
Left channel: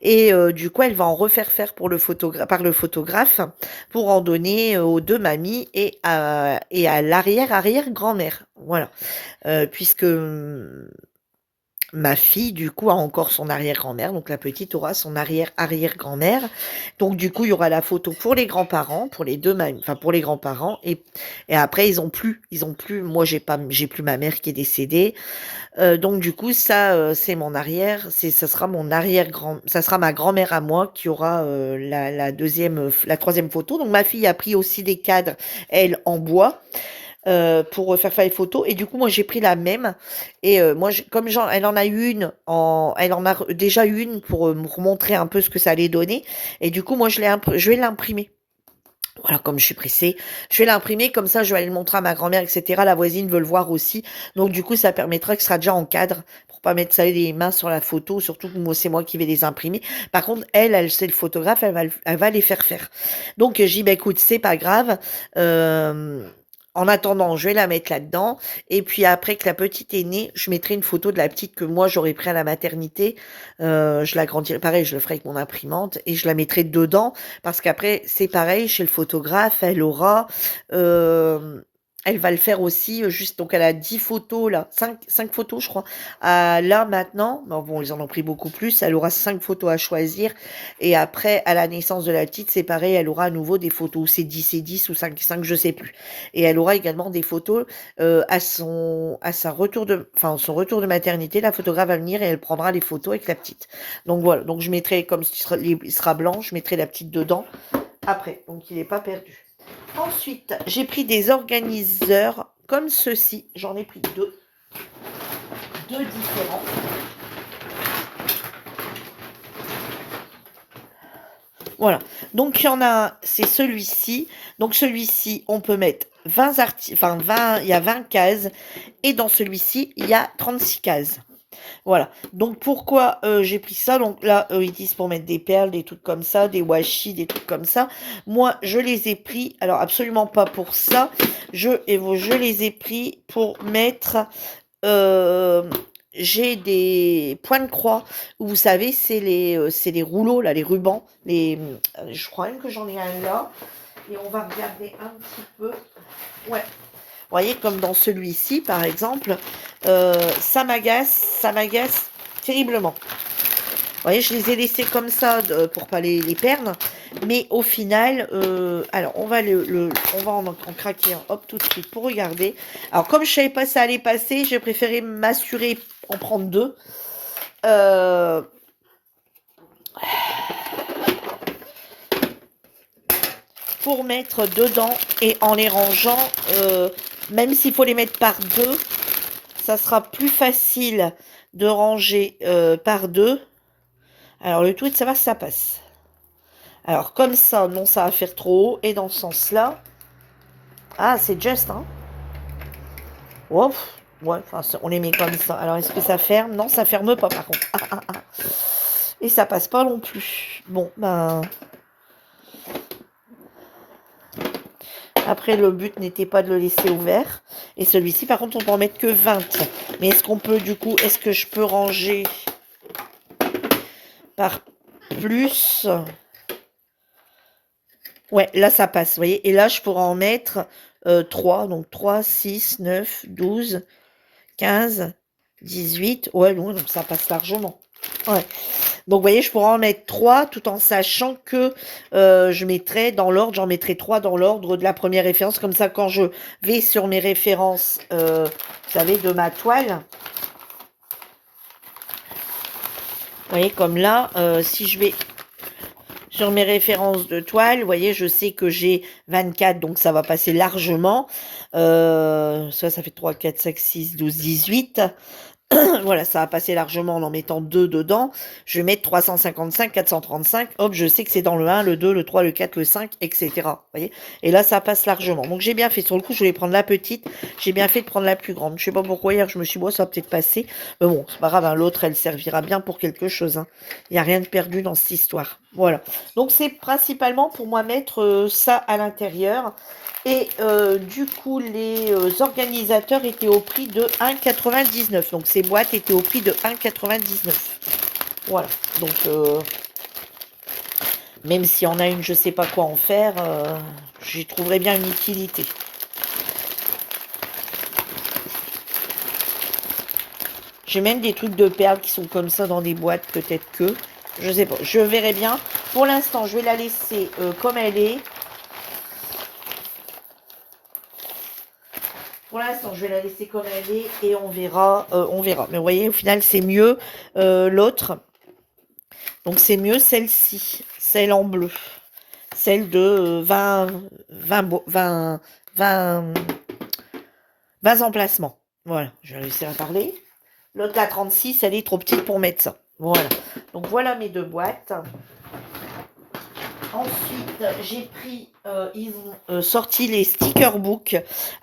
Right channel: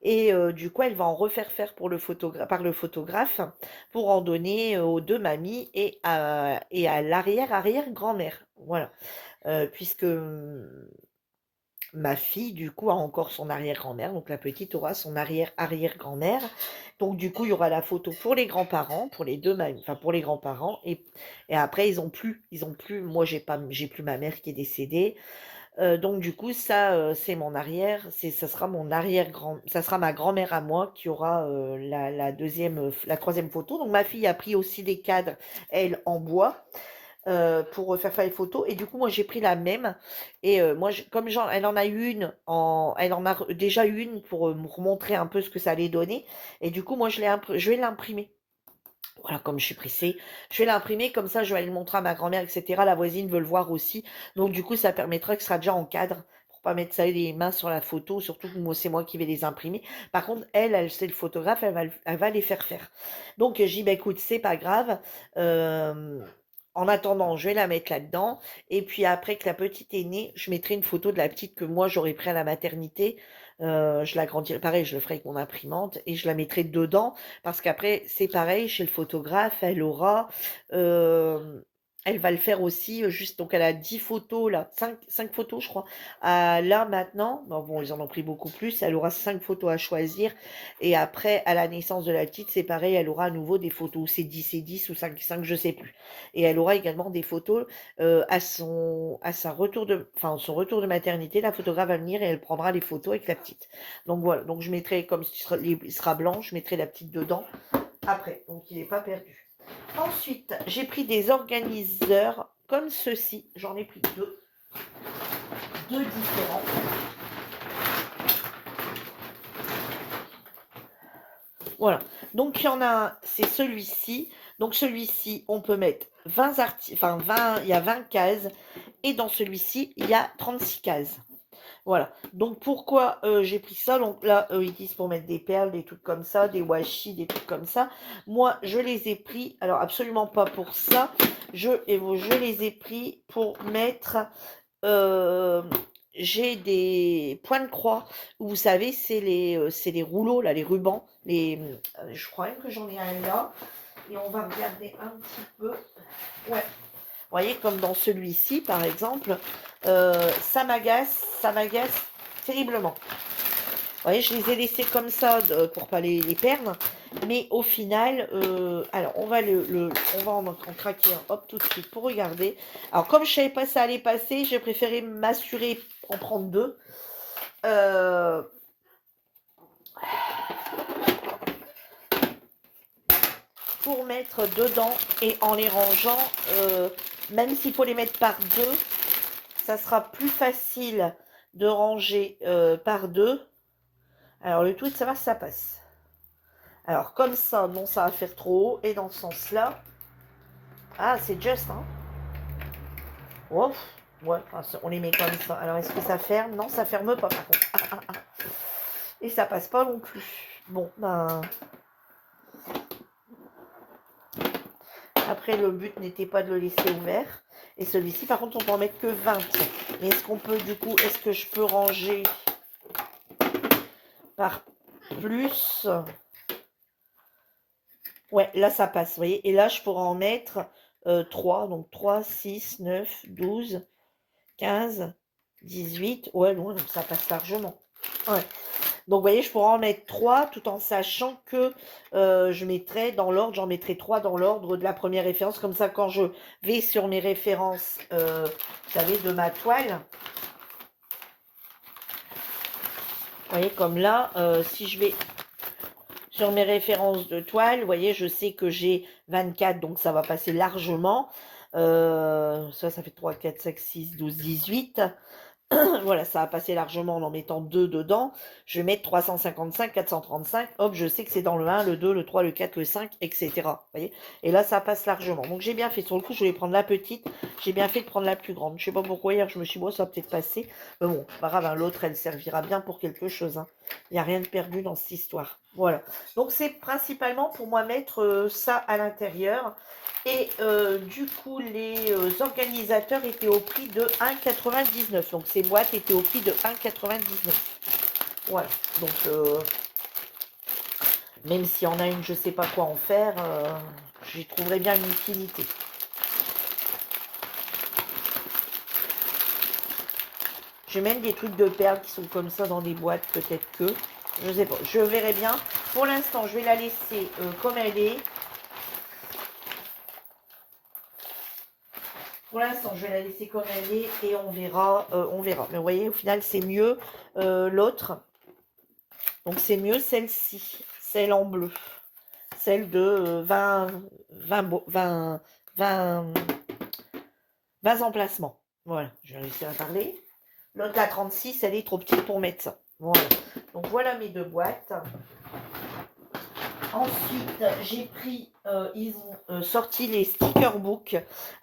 Et du coup, elle va en refaire faire par le photographe pour en donner aux deux mamies et à l'arrière-arrière-grand-mère. Voilà. Puisque ma fille, du coup, a encore son arrière-grand-mère, donc la petite aura son arrière-arrière-grand-mère. Donc du coup, il y aura la photo pour les grands-parents, pour les 2 mamies, enfin pour les grands-parents et après ils ont plus moi j'ai plus ma mère qui est décédée. Donc du coup ça, c'est mon arrière c'est ça sera mon arrière-grand ça sera ma grand-mère à moi qui aura, la 2e, la 3e photo. Donc ma fille a pris aussi des cadres, elle, en bois pour faire les photos et du coup moi j'ai pris la même et moi comme elle en a eu une elle en a déjà eu une pour me montrer un peu ce que ça allait donner et du coup moi je vais l'imprimer. Voilà, comme je suis pressée, je vais l'imprimer comme ça je vais aller le montrer à ma grand-mère etc. La voisine veut le voir aussi donc du coup ça permettra que ce sera déjà en cadre pour pas mettre ça les mains sur la photo, surtout que moi c'est moi qui vais les imprimer. Par contre elle c'est le photographe, elle va les faire faire. Donc j'ai dit: «Bah écoute, c'est pas grave, en attendant, je vais la mettre là-dedans et puis après que la petite est née, je mettrai une photo de la petite que moi j'aurais pris à la maternité, je l'agrandirai pareil, je le ferai avec mon imprimante et je la mettrai dedans parce qu'après c'est pareil chez le photographe, elle va le faire aussi, juste donc elle a 10 photos là, cinq photos je crois, là maintenant, bon ils en ont pris beaucoup plus, elle aura 5 photos à choisir et après à la naissance de la petite, c'est pareil, elle aura à nouveau des photos, ou c'est 10 ou 5 je sais plus et elle aura également des photos, son retour de maternité, la photographe va venir et elle prendra les photos avec la petite. Donc voilà, donc je mettrai comme il sera blanc, je mettrai la petite dedans après, donc il n'est pas perdu. Ensuite, j'ai pris des organiseurs comme ceci, j'en ai pris deux différents. Voilà, donc il y en a un, c'est celui-ci. Donc celui-ci, on peut mettre 20 il y a 20 cases et dans celui-ci, il y a 36 cases. Voilà, donc pourquoi, j'ai pris ça? Donc là, ils disent pour mettre des perles, des trucs comme ça, des washi, des trucs comme ça. Moi, je les ai pris, alors absolument pas pour ça, je les ai pris pour mettre, hem, j'ai des points de croix où vous savez, c'est les rouleaux là, les rubans, je crois même que j'en ai un là et on va regarder un petit peu. Ouais. Vous voyez, comme dans celui-ci, par exemple, ça m'agace terriblement. Vous voyez, je les ai laissés comme ça pour pas les perdre, mais au final, alors on va on va en craquer un, hop, tout de suite pour regarder. Alors comme je savais pas ça allait passer, j'ai préféré m'assurer en prendre 2. Pour mettre dedans et en les rangeant, même s'il faut les mettre par 2, ça sera plus facile de ranger par 2. Alors le tout est de savoir si ça passe. Alors comme ça, non, ça va faire trop haut. Et dans ce sens-là, ah, c'est juste, hein. Ouf, ouais, enfin, on les met comme ça. Alors est-ce que ça ferme? Non, ça ferme pas par contre. Ah, ah, ah. Et ça passe pas non plus. Bon, ben... Après, le but n'était pas de le laisser ouvert. Et celui-ci, par contre, on peut en mettre que 20. Mais est-ce qu'on peut, du coup, est-ce que je peux ranger par plus? Ouais, là, ça passe, vous voyez. Et là, je pourrais en mettre 3. Donc 3, 6, 9, 12, 15, 18. Ouais, non, donc ça passe largement. Ouais. Donc, vous voyez, je pourrais en mettre 3 tout en sachant que je mettrai dans l'ordre, j'en mettrai 3 dans l'ordre de la première référence. Comme ça, quand je vais sur mes références, vous savez, de ma toile, Vous voyez, comme là, si je vais sur mes références de toile, vous voyez, je sais que j'ai 24, donc ça va passer largement. Ça fait 3, 4, 5, 6, 12, 18. Voilà, ça va passer largement en mettant 2 dedans. Je vais mettre 355, 435. Hop, je sais que c'est dans le 1, le 2, le 3, le 4, le 5, etc. Vous voyez? Et là, ça passe largement. Donc, j'ai bien fait. Sur le coup, je vais prendre la petite. J'ai bien fait de prendre la plus grande. Je sais pas pourquoi hier, je me suis dit, bon, ça va peut-être passer. Mais bon, c'est pas grave, hein, l'autre, elle servira bien pour quelque chose, hein. Il n'y a rien de perdu dans cette histoire. Voilà. Donc, c'est principalement pour moi mettre ça à l'intérieur. Et du coup, les organisateurs étaient au prix de 1,99. Donc, ces boîtes étaient au prix de 1,99. Voilà. Donc, même s'il y en a une, je ne sais pas quoi en faire, j'y trouverais bien une utilité. J'ai même des trucs de perles qui sont comme ça dans des boîtes, peut-être que. Je sais pas. Je verrai bien. Pour l'instant, je vais la laisser comme elle est. Pour l'instant, je vais la laisser comme elle est et on verra. On verra. Mais vous voyez, au final, c'est mieux l'autre. Donc, c'est mieux celle-ci, celle en bleu. Celle de 20 emplacements. Voilà, je vais réussir à parler. L'autre, la 36, elle est trop petite pour mettre ça. Voilà. Donc, voilà mes deux boîtes. Ensuite, j'ai pris, ils ont sorti les sticker books.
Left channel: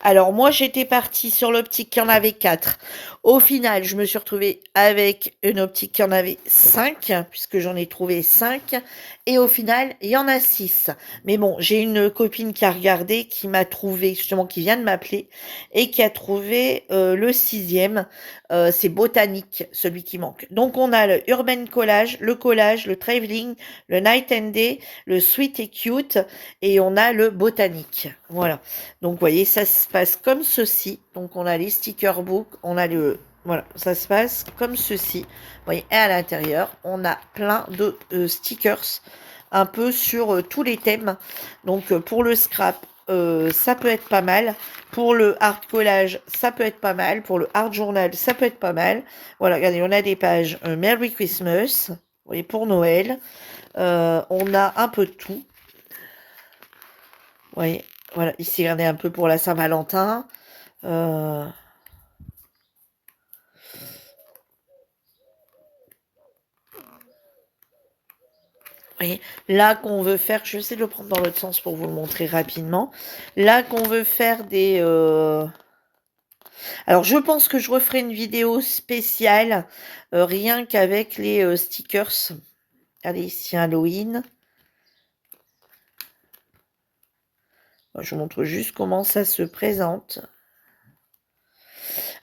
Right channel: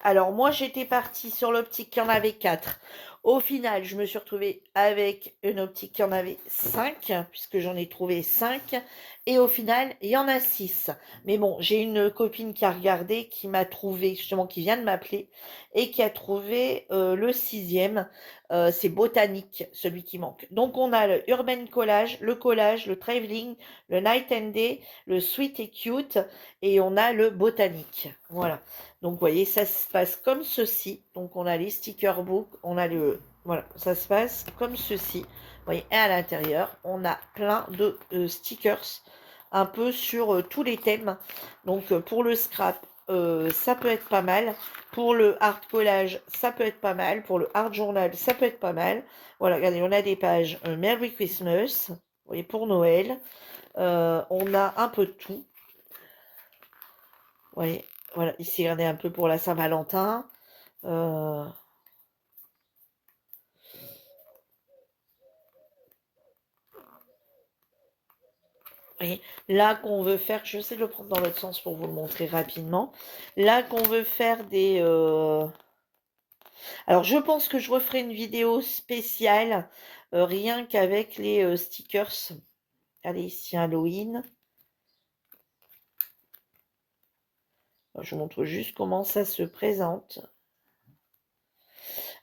Alors, moi, j'étais partie sur l'optique qui en avait 4. Au final, je me suis retrouvée avec une optique qui en avait 5, puisque j'en ai trouvé 5. Et au final, il y en a 6. Mais bon, j'ai une copine qui a regardé, qui m'a trouvé, justement, qui vient de m'appeler, et qui a trouvé le 6e. C'est Botanique, celui qui manque. Donc, on a le Urban Collage, le Traveling, le Night and Day, le Sweet et Cute, et on a le Botanique. Voilà. Donc, vous voyez, ça se passe comme ceci. Donc, on a les sticker books, on a le... Voilà, ça se passe comme ceci. Vous voyez, et à l'intérieur, on a plein de stickers, un peu sur tous les thèmes. Donc, pour le scrap, ça peut être pas mal. Pour le art collage, ça peut être pas mal. Pour le art journal, ça peut être pas mal. Voilà, regardez, on a des pages Merry Christmas, vous voyez, pour Noël. On a un peu de tout. Vous voyez, voilà, ici, regardez un peu pour la Saint-Valentin. Vous voyez, là qu'on veut faire, je vais essayer de le prendre dans l'autre sens pour vous le montrer rapidement. Là qu'on veut faire des... Alors, je pense que je referai une vidéo spéciale, rien qu'avec les stickers. Allez, ici, Halloween. Je vous montre juste comment ça se présente.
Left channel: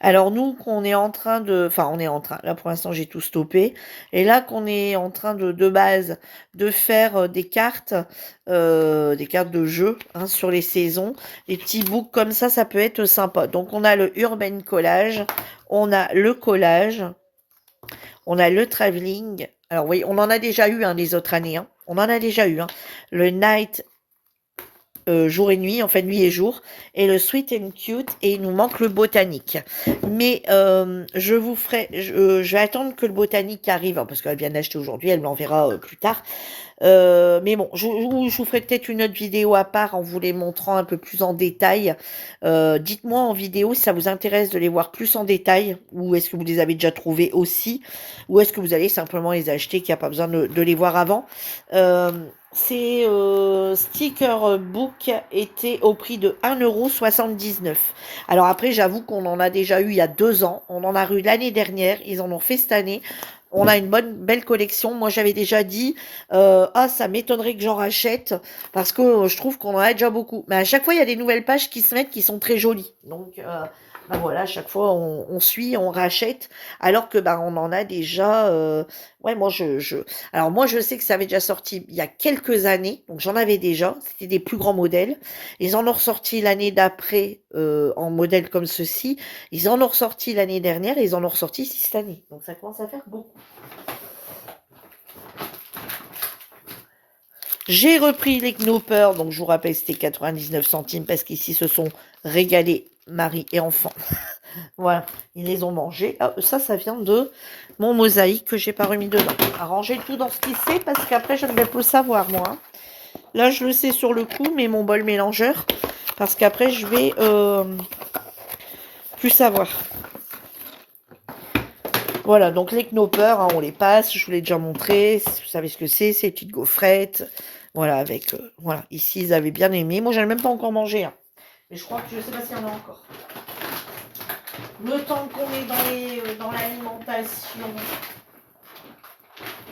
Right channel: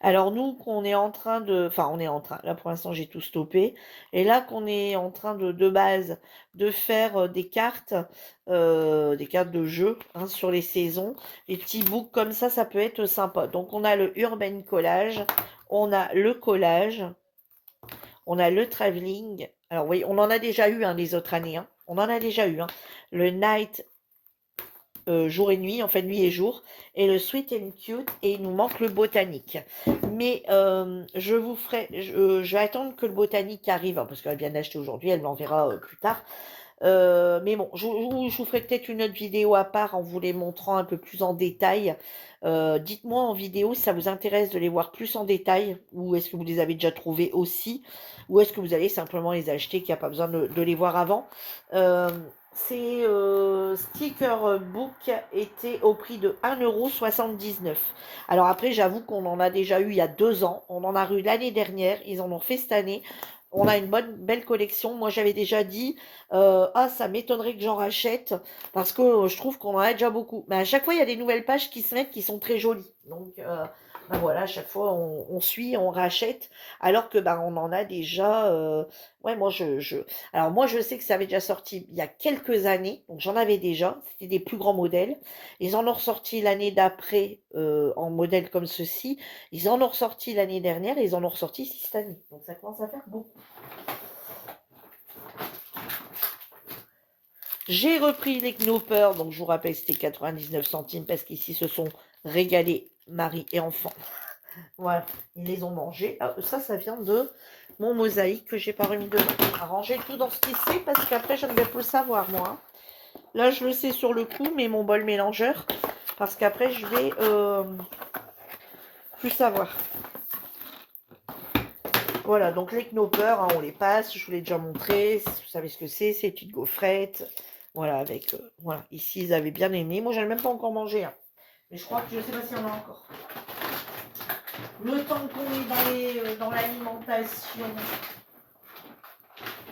Alors nous, qu'on est en train de... Enfin, on est en train, là pour l'instant j'ai tout stoppé. Et là qu'on est en train de base de faire des cartes de jeu, hein, sur les saisons. Les petits books comme ça peut être sympa. Donc on a le Urban Collage, on a le collage, on a le travelling. Alors oui, on en a déjà eu, hein, les autres années, hein. On en a déjà eu, hein. Le Night, jour et nuit, enfin nuit et jour, et le Sweet and Cute, et il nous manque le Botanique. Mais je vous ferai, je vais attendre que le Botanique arrive, hein, parce qu'elle vient d'acheter aujourd'hui, elle l'enverra plus tard. Mais bon, je vous ferai peut-être une autre vidéo à part en vous les montrant un peu plus en détail. Dites-moi en vidéo si ça vous intéresse de les voir plus en détail, ou est-ce que vous les avez déjà trouvés aussi, ou est-ce que vous allez simplement les acheter, qu'il n'y a pas besoin de les voir avant. Ces sticker book étaient au prix de 1,79 €. Alors après, j'avoue qu'on en a déjà eu il y a 2 ans. On en a eu l'année dernière. Ils en ont fait cette année. On a une belle collection. Moi, j'avais déjà dit, ah, ça m'étonnerait que j'en rachète parce que je trouve qu'on en a déjà beaucoup. Mais à chaque fois, il y a des nouvelles pages qui se mettent qui sont très jolies. Donc, ben voilà, à chaque fois, on suit, on rachète. Alors que, ben, on en a déjà... ouais, moi, alors moi, je sais que ça avait déjà sorti il y a quelques années, donc j'en avais déjà, c'était des plus grands modèles. Ils en ont ressorti l'année d'après en modèle comme ceci. Ils en ont ressorti l'année dernière et ils en ont ressorti ici cette année. Donc ça commence à faire beaucoup. J'ai repris les Knoppers, donc je vous rappelle c'était 99 centimes parce qu'ici se sont régalés mari et enfant Voilà, ils les ont mangés. Ah, ça vient de mon mosaïque que j'ai pas remis dedans. À ranger tout dans ce qui c'est parce qu'après, je ne vais plus le savoir, moi, hein. Là, je le sais sur le coup, mais mon bol mélangeur, parce qu'après, je vais plus savoir. Voilà, donc les knoppers, hein, on les passe, je vous l'ai déjà montré, vous savez ce que c'est, ces petites gaufrettes. Voilà, avec, voilà, ici, ils avaient bien aimé. Moi, j'en ai même pas encore mangé, hein. Mais je crois que je sais pas s'il y en a encore. Le temps qu'on est dans l'alimentation,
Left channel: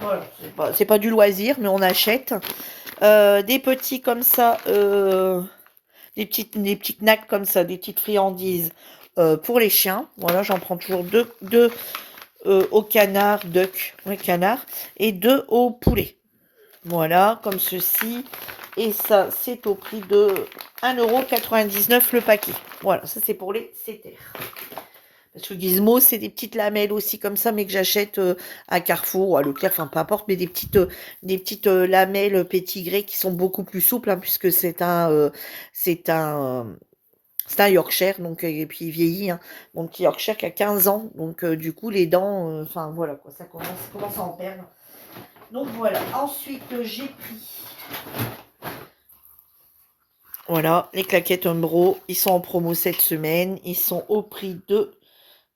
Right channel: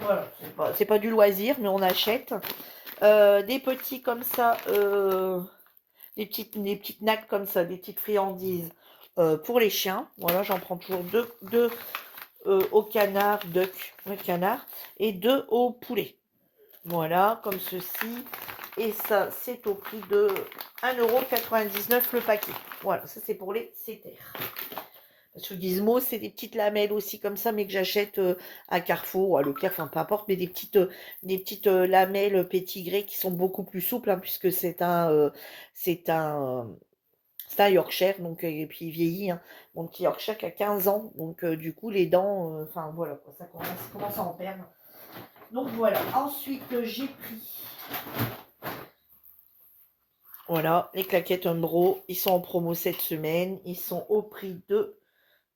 voilà, c'est pas du loisir, mais on achète. Des petits comme ça, des petits knacks comme ça, des petites friandises pour les chiens. Voilà, j'en prends toujours deux au canard, duck, ouais, canard, et deux au poulet. Voilà, comme ceci. Et ça, c'est au prix de 1,99 € le paquet. Voilà, ça c'est pour les cétères. Parce que Gizmo, c'est des petites lamelles aussi comme ça, mais que j'achète à Carrefour ou à Leclerc, enfin peu importe, mais des petites lamelles pétigrées qui sont beaucoup plus souples, hein, puisque c'est c'est un Yorkshire, donc, et puis il vieillit, hein, mon petit Yorkshire qui a 15 ans, donc du coup les dents, enfin voilà, quoi, ça commence à en perdre. Donc voilà, ensuite j'ai pris, voilà, les claquettes Umbro, ils sont en promo cette semaine, ils sont au prix de...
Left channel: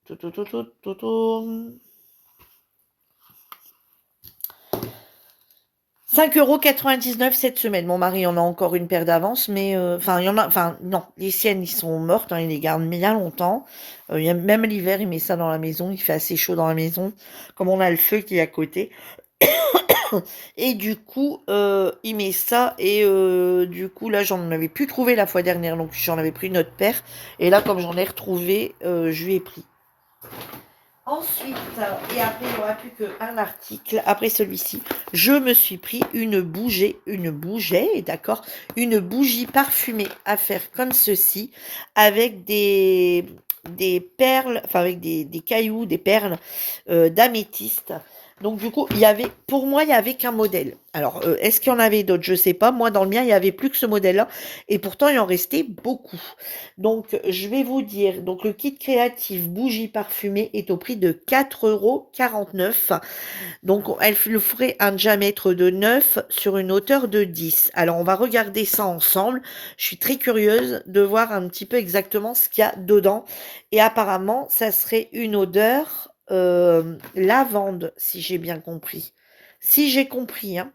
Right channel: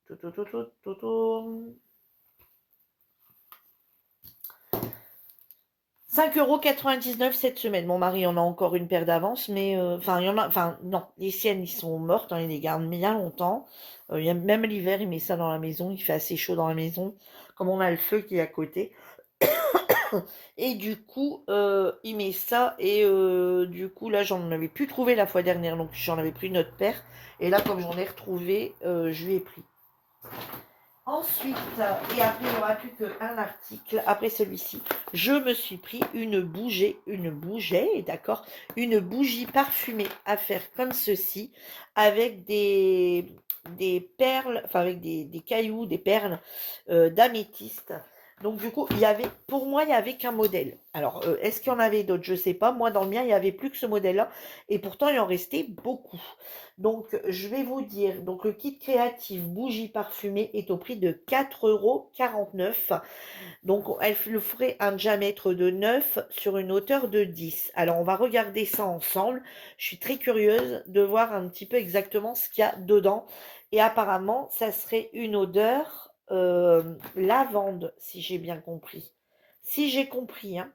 5,99 € cette semaine. Mon mari en a encore une paire d'avance, mais enfin, il y en a, enfin, non, les siennes, ils sont mortes, hein, il les garde bien longtemps. Même l'hiver, il met ça dans la maison, il fait assez chaud dans la maison, comme on a le feu qui est à côté. Et du coup, il met ça, et du coup, là, j'en avais plus trouvé la fois dernière, donc j'en avais pris une autre paire. Et là, comme j'en ai retrouvé, je lui ai pris. Ensuite, et après, il n'y aura plus qu'un article. Après celui-ci, je me suis pris une bougie, d'accord, une bougie parfumée à faire comme ceci, avec des perles, enfin avec des cailloux, des perles d'améthyste. Donc du coup, pour moi, il n'y avait qu'un modèle. Alors, est-ce qu'il y en avait d'autres? Je ne sais pas. Moi, dans le mien, il n'y avait plus que ce modèle-là. Et pourtant, il en restait beaucoup. Donc, je vais vous dire, donc le kit créatif bougie parfumée est au prix de 4,49 €. Donc, elle le ferait un diamètre de 9 sur une hauteur de 10. Alors, on va regarder ça ensemble. Je suis très curieuse de voir un petit peu exactement ce qu'il y a dedans. Et apparemment, ça serait une odeur lavande, si j'ai bien compris. Si j'ai compris, hein.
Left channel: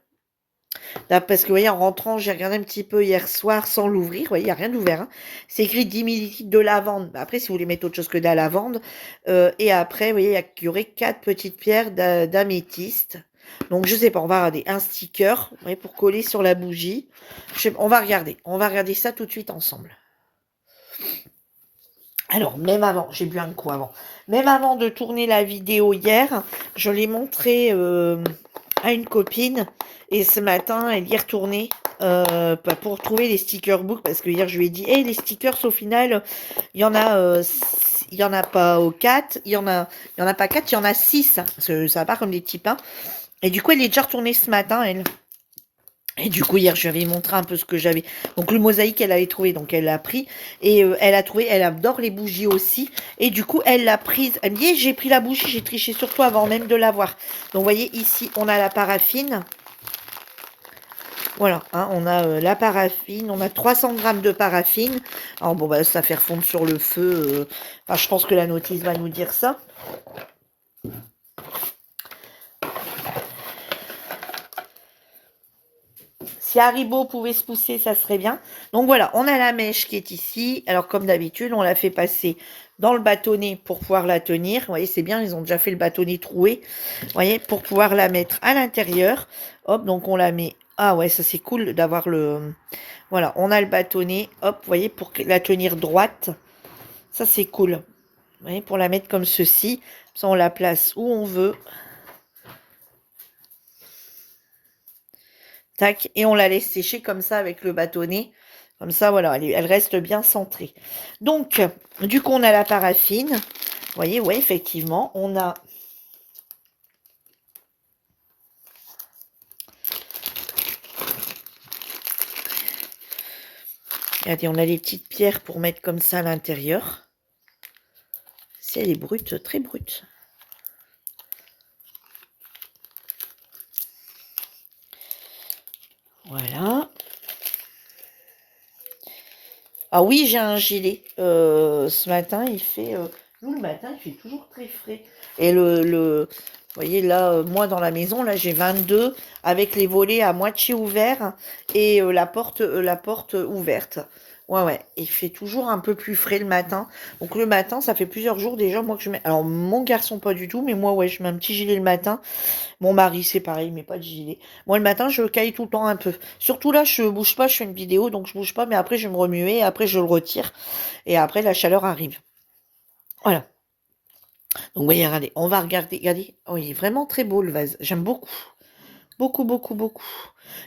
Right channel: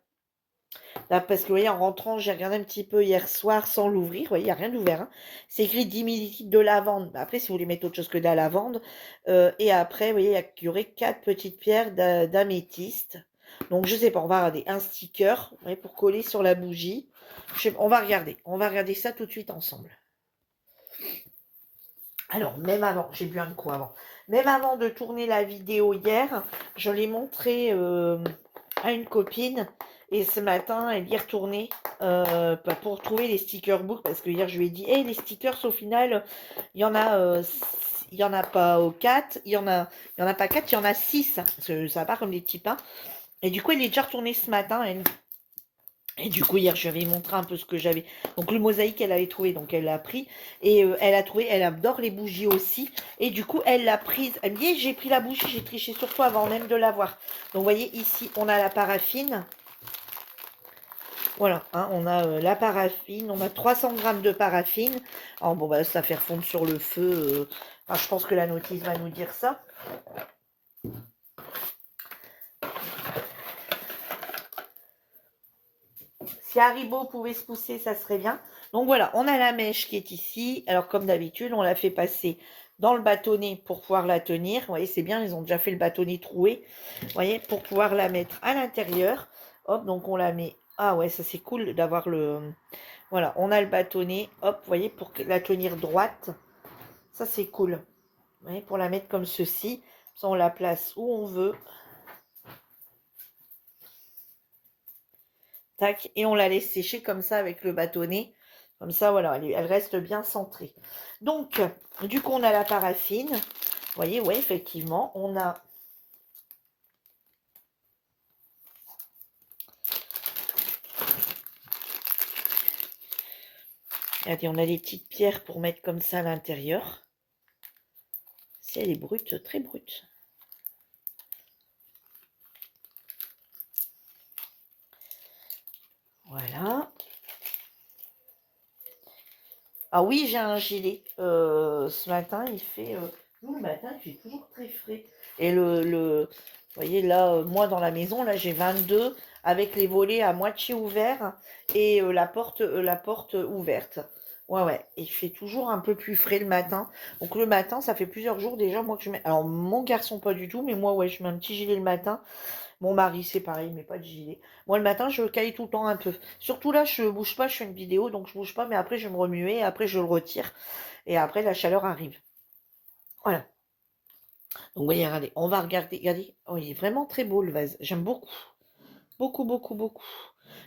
Là, parce que, vous voyez, en rentrant, j'ai regardé un petit peu hier soir sans l'ouvrir. Vous voyez, il n'y a rien d'ouvert, hein. C'est écrit 10 millilitres de lavande. Bah, après, si vous voulez mettre autre chose que de la lavande. Et après, vous voyez, il y aurait 4 petites pierres d'améthyste. Donc, je sais pas, on va regarder un sticker, vous voyez, pour coller sur la bougie. On va regarder. On va regarder ça tout de suite ensemble. Alors, même avant, j'ai bu un coup avant. Même avant de tourner la vidéo hier, je l'ai montré à une copine. Et ce matin, elle y est retournée pour trouver les sticker books. Parce que hier, je lui ai dit, hey, les stickers, au final, il y en a, il y en a pas 4, il y en a pas 4, il y en a 6. Ça va pas comme des petits pains. Et du coup, elle est déjà retournée ce matin, elle. Et du coup, hier, je lui avais montré un peu ce que j'avais. Donc, le mosaïque, elle avait trouvé, donc elle l'a pris. Et elle a trouvé, elle adore les bougies aussi. Et du coup, elle l'a prise. Elle me dit, j'ai pris la bougie, j'ai triché sur toi avant même de l'avoir. Donc, vous voyez, ici, on a la paraffine. Voilà, hein, on a la paraffine, on a 300 grammes de paraffine. Alors, bon, bah, ça fait refondre sur le feu. Enfin, je pense que la notice va nous dire ça. Si Haribo pouvait se pousser, ça serait bien. Donc voilà, on a la mèche qui est ici. Alors comme d'habitude, on la fait passer dans le bâtonnet pour pouvoir la tenir. Vous voyez, c'est bien, ils ont déjà fait le bâtonnet troué. Vous voyez, pour pouvoir la mettre à l'intérieur. Hop, donc on la met... Ah ouais, ça c'est cool d'avoir le... Voilà, on a le bâtonnet. Hop, vous voyez, pour la tenir droite. Ça c'est cool. Vous voyez, pour la mettre comme ceci. Ça, on la place où on veut. Tac, et on la laisse sécher comme ça avec le bâtonnet. Comme ça, voilà, elle reste bien centrée. Donc, du coup, on a la paraffine. Vous voyez, ouais, effectivement, on a... Regardez, on a les petites pierres pour mettre comme ça à l'intérieur. Si elle est brute, très brute. Voilà. Ah oui, j'ai un gilet. Ce matin, il fait... nous, le matin, il fait toujours très frais. Et vous voyez, là, moi, dans la maison, là, j'ai 22 avec les volets à moitié ouverts et la porte ouverte. Ouais, ouais. Il fait toujours un peu plus frais le matin. Donc, le matin, ça fait plusieurs jours déjà, moi, que je mets... Alors, mon garçon, pas du tout, mais moi, ouais, je mets un petit gilet le matin. Mon mari, c'est pareil, mais pas de gilet. Moi, le matin, je caille tout le temps un peu. Surtout là, je bouge pas, je fais une vidéo, donc je bouge pas, mais après, je vais me remuer, après, je le retire, et après, la chaleur arrive. Voilà. Donc, voyez, regardez, on va regarder. Regardez, oh, il est vraiment très beau, le vase. J'aime beaucoup. Beaucoup, beaucoup, beaucoup.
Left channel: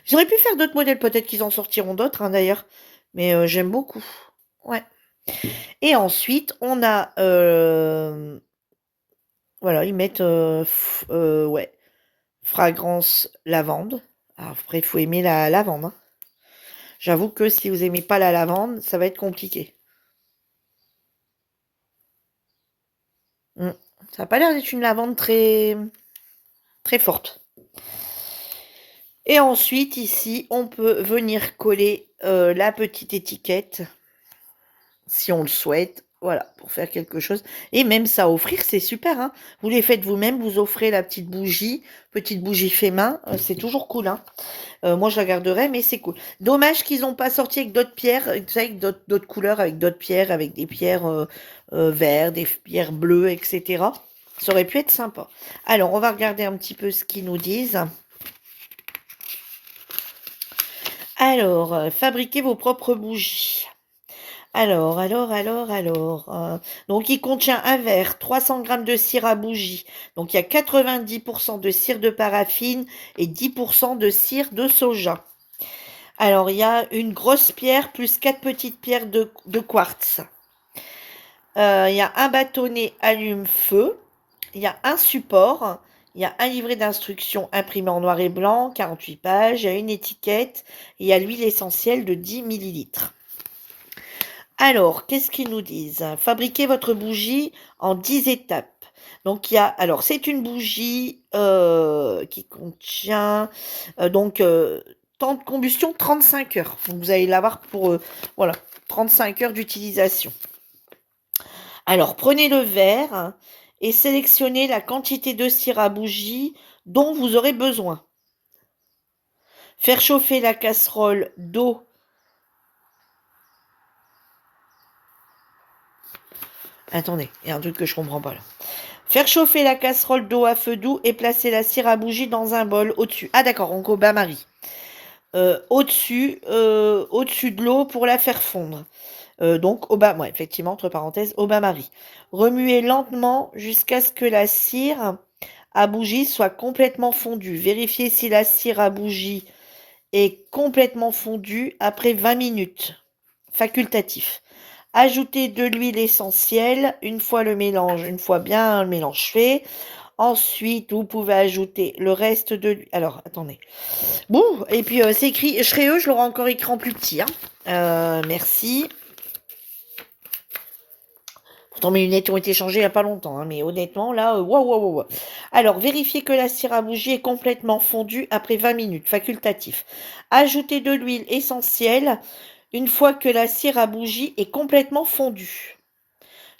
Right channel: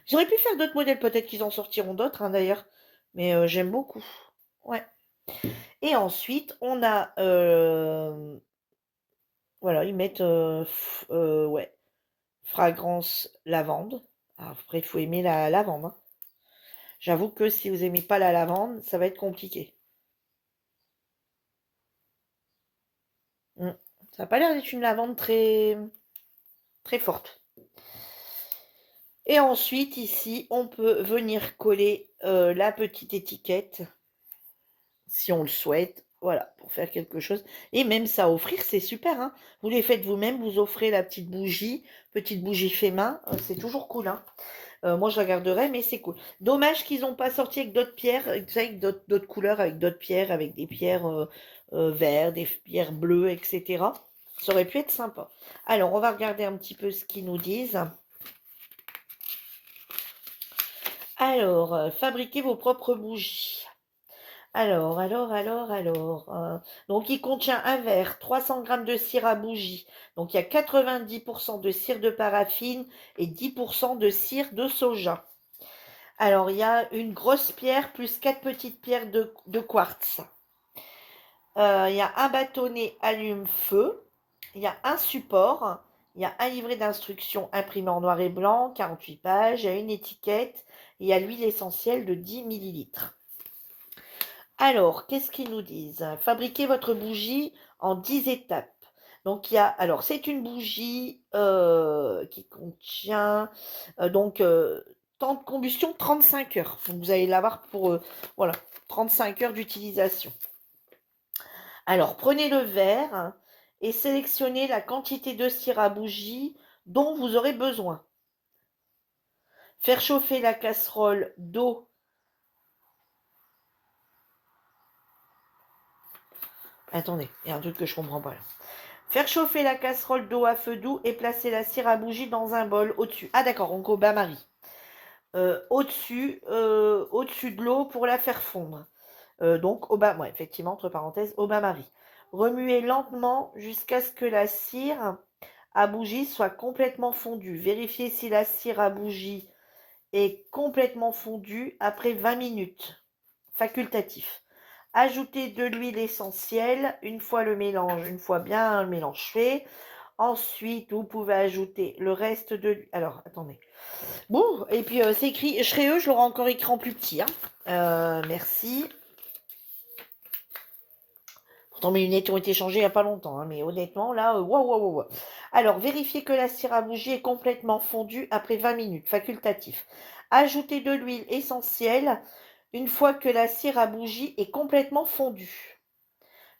J'aurais pu faire d'autres modèles, peut-être qu'ils en sortiront d'autres, hein, d'ailleurs. Mais j'aime beaucoup. Ouais. Et ensuite, on a... voilà, ils mettent... ouais, fragrance lavande. Alors, après, il faut aimer la lavande, hein. J'avoue que si vous aimez pas la lavande, ça va être compliqué. Ça n'a pas l'air d'être une lavande très, très forte. Et ensuite, ici, on peut venir coller la petite étiquette, si on le souhaite. Voilà, pour faire quelque chose. Et même ça à offrir, c'est super, hein. Vous les faites vous-même, vous offrez la petite bougie fait main. C'est toujours cool, hein. Moi, je la garderai, mais c'est cool. Dommage qu'ils n'ont pas sorti avec d'autres pierres, avec d'autres couleurs, avec d'autres pierres, avec des pierres vertes, des pierres bleues, etc. Ça aurait pu être sympa. Alors, on va regarder un petit peu ce qu'ils nous disent. Alors, fabriquez vos propres bougies. Alors. Donc, il contient un verre, 300 grammes de cire à bougie. Donc, il y a 90% de cire de paraffine et 10% de cire de soja. Alors, il y a une grosse pierre plus 4 petites pierres de quartz. Il y a un bâtonnet allume-feu. Il y a un support. Il y a un livret d'instructions imprimé en noir et blanc, 48 pages. Il y a une étiquette. Il y a l'huile essentielle de 10 millilitres. Alors, qu'est-ce qu'ils nous disent? Fabriquez votre bougie en 10 étapes. Donc, alors, c'est une bougie qui contient temps de combustion 35 heures. Donc, vous allez l'avoir pour voilà, 35 heures d'utilisation. Alors, prenez le verre et sélectionnez la quantité de cire à bougie dont vous aurez besoin. Faire chauffer la casserole d'eau. Attendez, il y a un truc que je comprends pas là. Faire chauffer la casserole d'eau à feu doux et placer la cire à bougie dans un bol au-dessus. Ah d'accord, donc au bain-marie. Au-dessus de l'eau pour la faire fondre. Donc au bas, ouais, effectivement, entre parenthèses, au bain-marie. Remuez lentement jusqu'à ce que la cire à bougie soit complètement fondue. Vérifiez si la cire à bougie est complètement fondue après 20 minutes. Facultatif. Ajoutez de l'huile essentielle une fois bien le mélange fait. Ensuite, vous pouvez ajouter le reste de l'huile. Alors, attendez. Bon, et puis c'est écrit, je serai je l'aurai encore écrit en plus petit, hein. Merci. Pourtant, mes lunettes ont été changées il n'y a pas longtemps, hein, mais honnêtement, là, waouh. Alors, vérifiez que la cire à bougie est complètement fondue après 20 minutes, facultatif. Ajoutez de l'huile essentielle une fois que la cire à bougie est complètement fondue.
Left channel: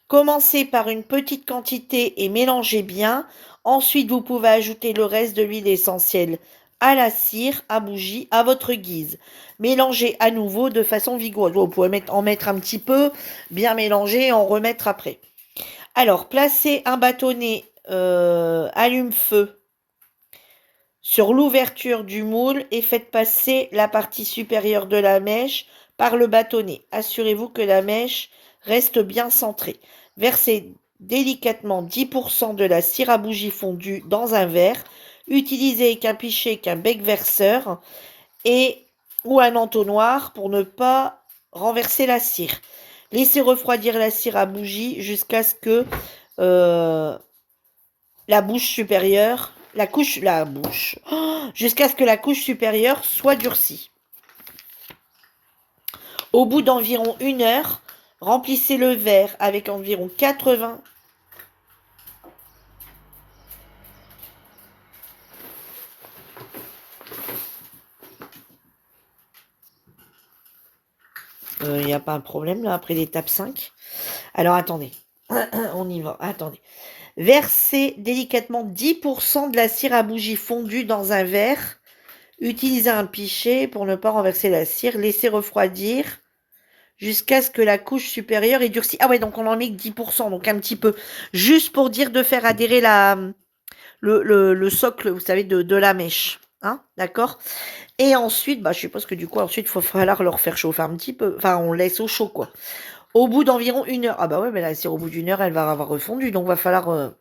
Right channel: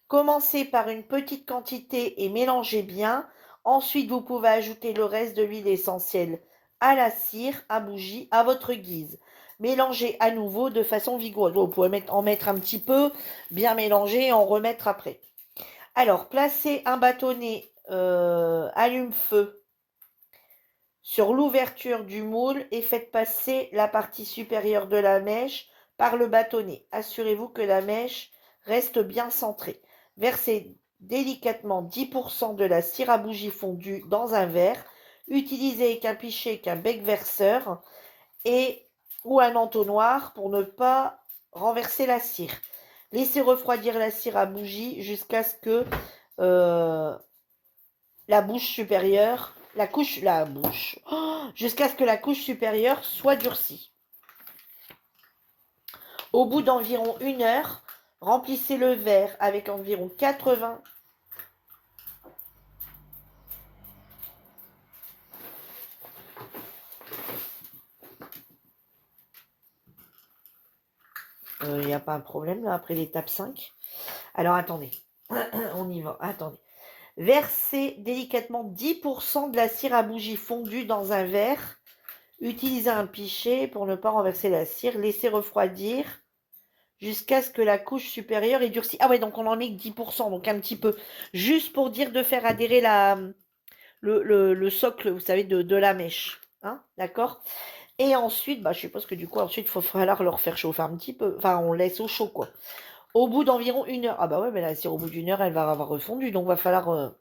Commencez par une petite quantité et mélangez bien. Ensuite, vous pouvez ajouter le reste de l'huile essentielle à la cire à bougie à votre guise. Mélangez à nouveau de façon vigoureuse. Vous pouvez en mettre un petit peu, bien mélanger et en remettre après. Alors, placez un bâtonnet allume-feu sur l'ouverture du moule et faites passer la partie supérieure de la mèche par le bâtonnet. Assurez-vous que la mèche reste bien centrée. Versez délicatement 10% de la cire à bougie fondue dans un verre. Utilisez qu'un pichet, qu'un bec verseur ou un entonnoir pour ne pas renverser la cire. Laissez refroidir la cire à bougie jusqu'à ce que jusqu'à ce que la couche supérieure soit durcie. Au bout d'environ 1 heure, remplissez le verre avec environ 80 Il n'y a pas un problème là après l'étape 5. Alors attendez, on y va, attendez. Versez délicatement 10% de la cire à bougie fondue dans un verre. Utilisez un pichet pour ne pas renverser la cire. Laissez refroidir jusqu'à ce que la couche supérieure ait durci. Ah ouais, donc on en met que 10%, donc un petit peu. Juste pour dire de faire adhérer le socle, vous savez, de la mèche. Hein, d'accord? Et ensuite, bah, je suppose que du coup, ensuite, il va falloir leur faire chauffer un petit peu. Enfin, on laisse au chaud, quoi. Au bout d'environ 1 heure. Ah bah ouais, mais la cire, au bout d'1 heure, elle va avoir refondu. Donc, va falloir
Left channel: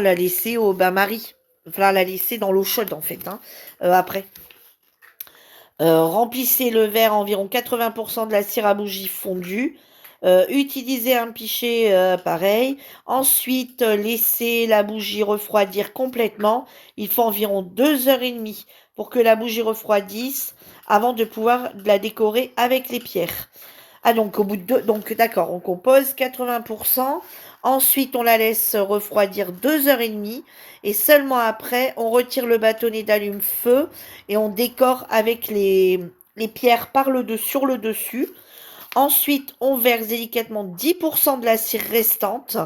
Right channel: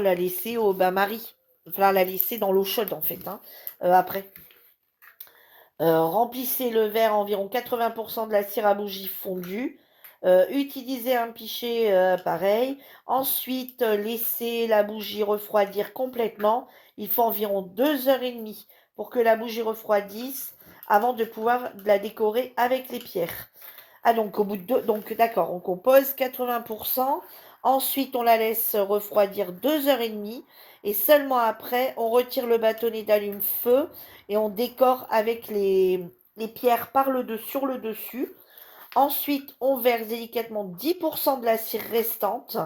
la laisser au bain-marie. Il va falloir la laisser dans l'eau chaude, en fait, hein, après. Remplissez le verre à environ 80% de la cire à bougie fondue. Utilisez un pichet pareil. Ensuite, laissez la bougie refroidir complètement. Il faut environ 2 h 30 pour que la bougie refroidisse avant de pouvoir la décorer avec les pierres. Ah donc au bout de deux, donc d'accord, on compose 80%. Ensuite, on la laisse refroidir 2 h 30 et seulement après, on retire le bâtonnet d'allume-feu et on décore avec les pierres sur le dessus. Ensuite, on verse délicatement 10% de la cire restante.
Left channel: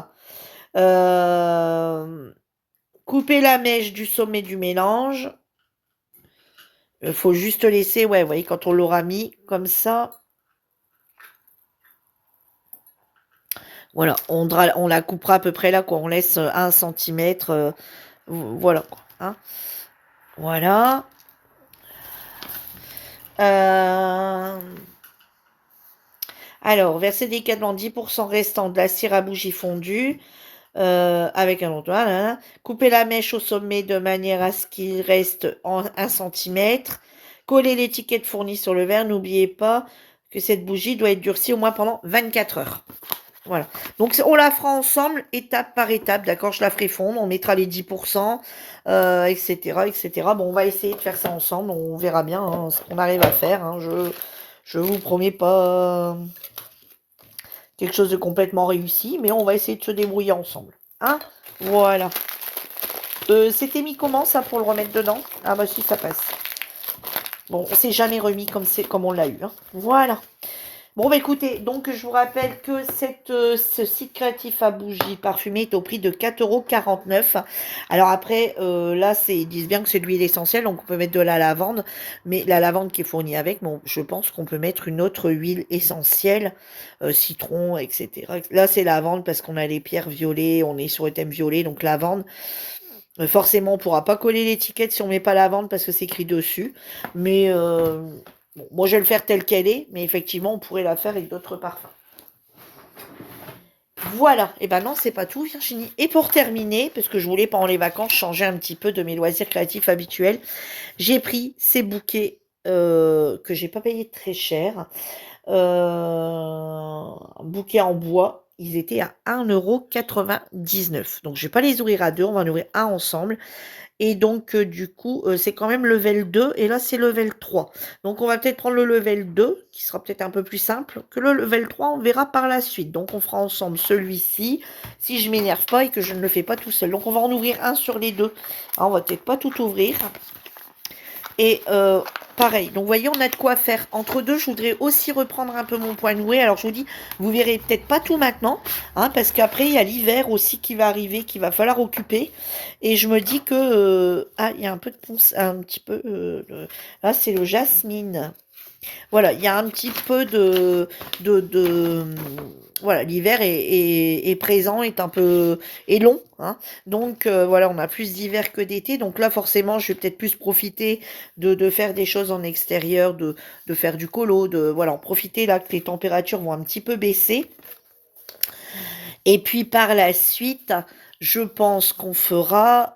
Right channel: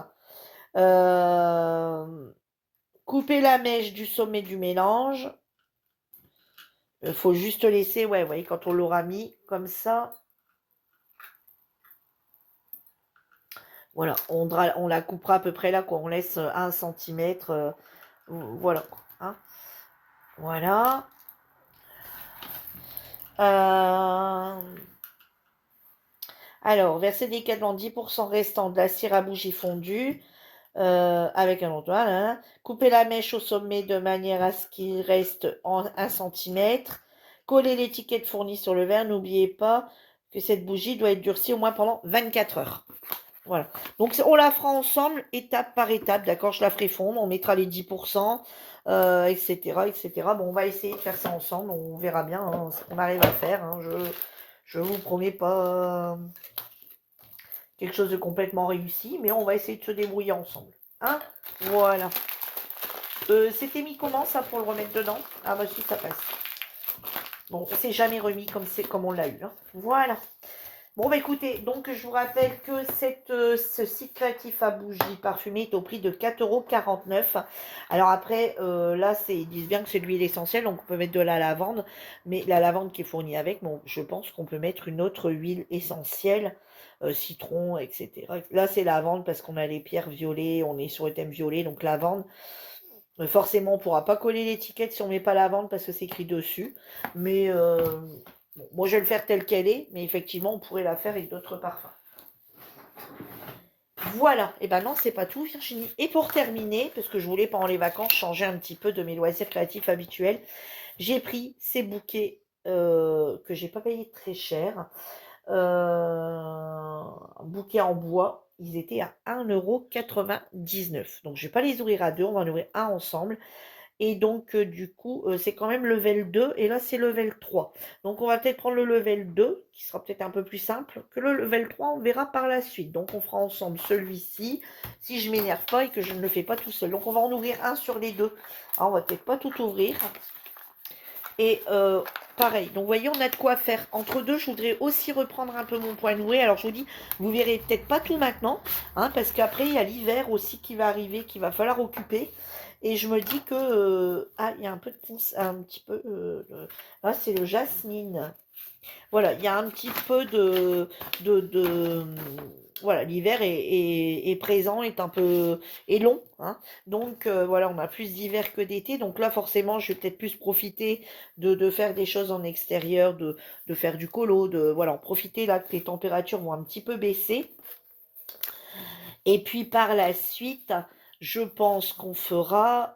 Coupez la mèche du sommet du mélange. Il faut juste laisser, ouais, vous voyez, quand on l'aura mis comme ça. Voilà, on la coupera à peu près là, quoi. On laisse 1 centimètre. Voilà, hein. Voilà. Alors, versez délicatement 10% restant de la cire à bougie fondue avec un entonnoir. Là, là. Coupez la mèche au sommet de manière à ce qu'il reste en 1 centimètre. Collez l'étiquette fournie sur le verre. N'oubliez pas que cette bougie doit être durcie au moins pendant 24 heures. Voilà. Donc, on la fera ensemble, étape par étape, d'accord? Je la ferai fondre, on mettra les 10%, etc., etc. Bon, on va essayer de faire ça ensemble, on verra bien hein, ce qu'on arrive à faire. Hein. Je vous promets pas quelque chose de complètement réussi, mais on va essayer de se débrouiller ensemble. Hein? Voilà. C'était mis comment, ça, pour le remettre dedans? Ah bah si, ça passe. Bon, on s'est jamais remis comme on l'a eu. Hein. Voilà. Bon, bah écoutez, donc je vous rappelle que ce site créatif à bougies parfumées est au prix de 4,49 €. Alors après, là, ils disent bien que c'est de l'huile essentielle, donc on peut mettre de la lavande, mais la lavande qui est fournie avec, bon, je pense qu'on peut mettre une autre huile essentielle, citron, etc. Là, c'est lavande parce qu'on a les pierres violettes, on est sur le thème violet, donc lavande. Forcément, on ne pourra pas coller l'étiquette si on ne met pas lavande parce que c'est écrit dessus, mais... bon, moi, je vais le faire telle qu'elle est, mais effectivement, on pourrait la faire avec d'autres parfums. Voilà. Et ben non, c'est pas tout, Virginie. Et pour terminer, parce que je voulais pendant les vacances changer un petit peu de mes loisirs créatifs habituels, j'ai pris ces bouquets que j'ai pas payé très cher. Bouquets en bois. Ils étaient à 1,99 €. Donc, je vais pas les ouvrir à deux, on va en ouvrir un ensemble. Et donc, du coup, c'est quand même level 2 et là, c'est level 3. Donc, on va peut-être prendre le level 2 qui sera peut-être un peu plus simple que le level 3. On verra par la suite. Donc, on fera ensemble celui-ci, si je m'énerve pas et que je ne le fais pas tout seul. Donc, on va en ouvrir un sur les deux. Ah, on va peut-être pas tout ouvrir. Et pareil, donc vous voyez, on a de quoi faire. Entre deux, je voudrais aussi reprendre un peu mon point noué. Alors je vous dis, vous verrez peut-être pas tout maintenant, hein, parce qu'après, il y a l'hiver aussi qui va arriver, qu'il va falloir occuper. Et je me dis que... ah, il y a un peu de ponce, un petit peu... là, c'est le jasmine. Voilà, il y a un petit peu de voilà, l'hiver est présent, est un peu est long, hein. Donc voilà, on a plus d'hiver que d'été. Donc là, forcément, je vais peut-être plus profiter de faire des choses en extérieur, de faire du colo, voilà, en profiter là que les températures vont un petit peu baisser. Et puis par la suite, je pense qu'on fera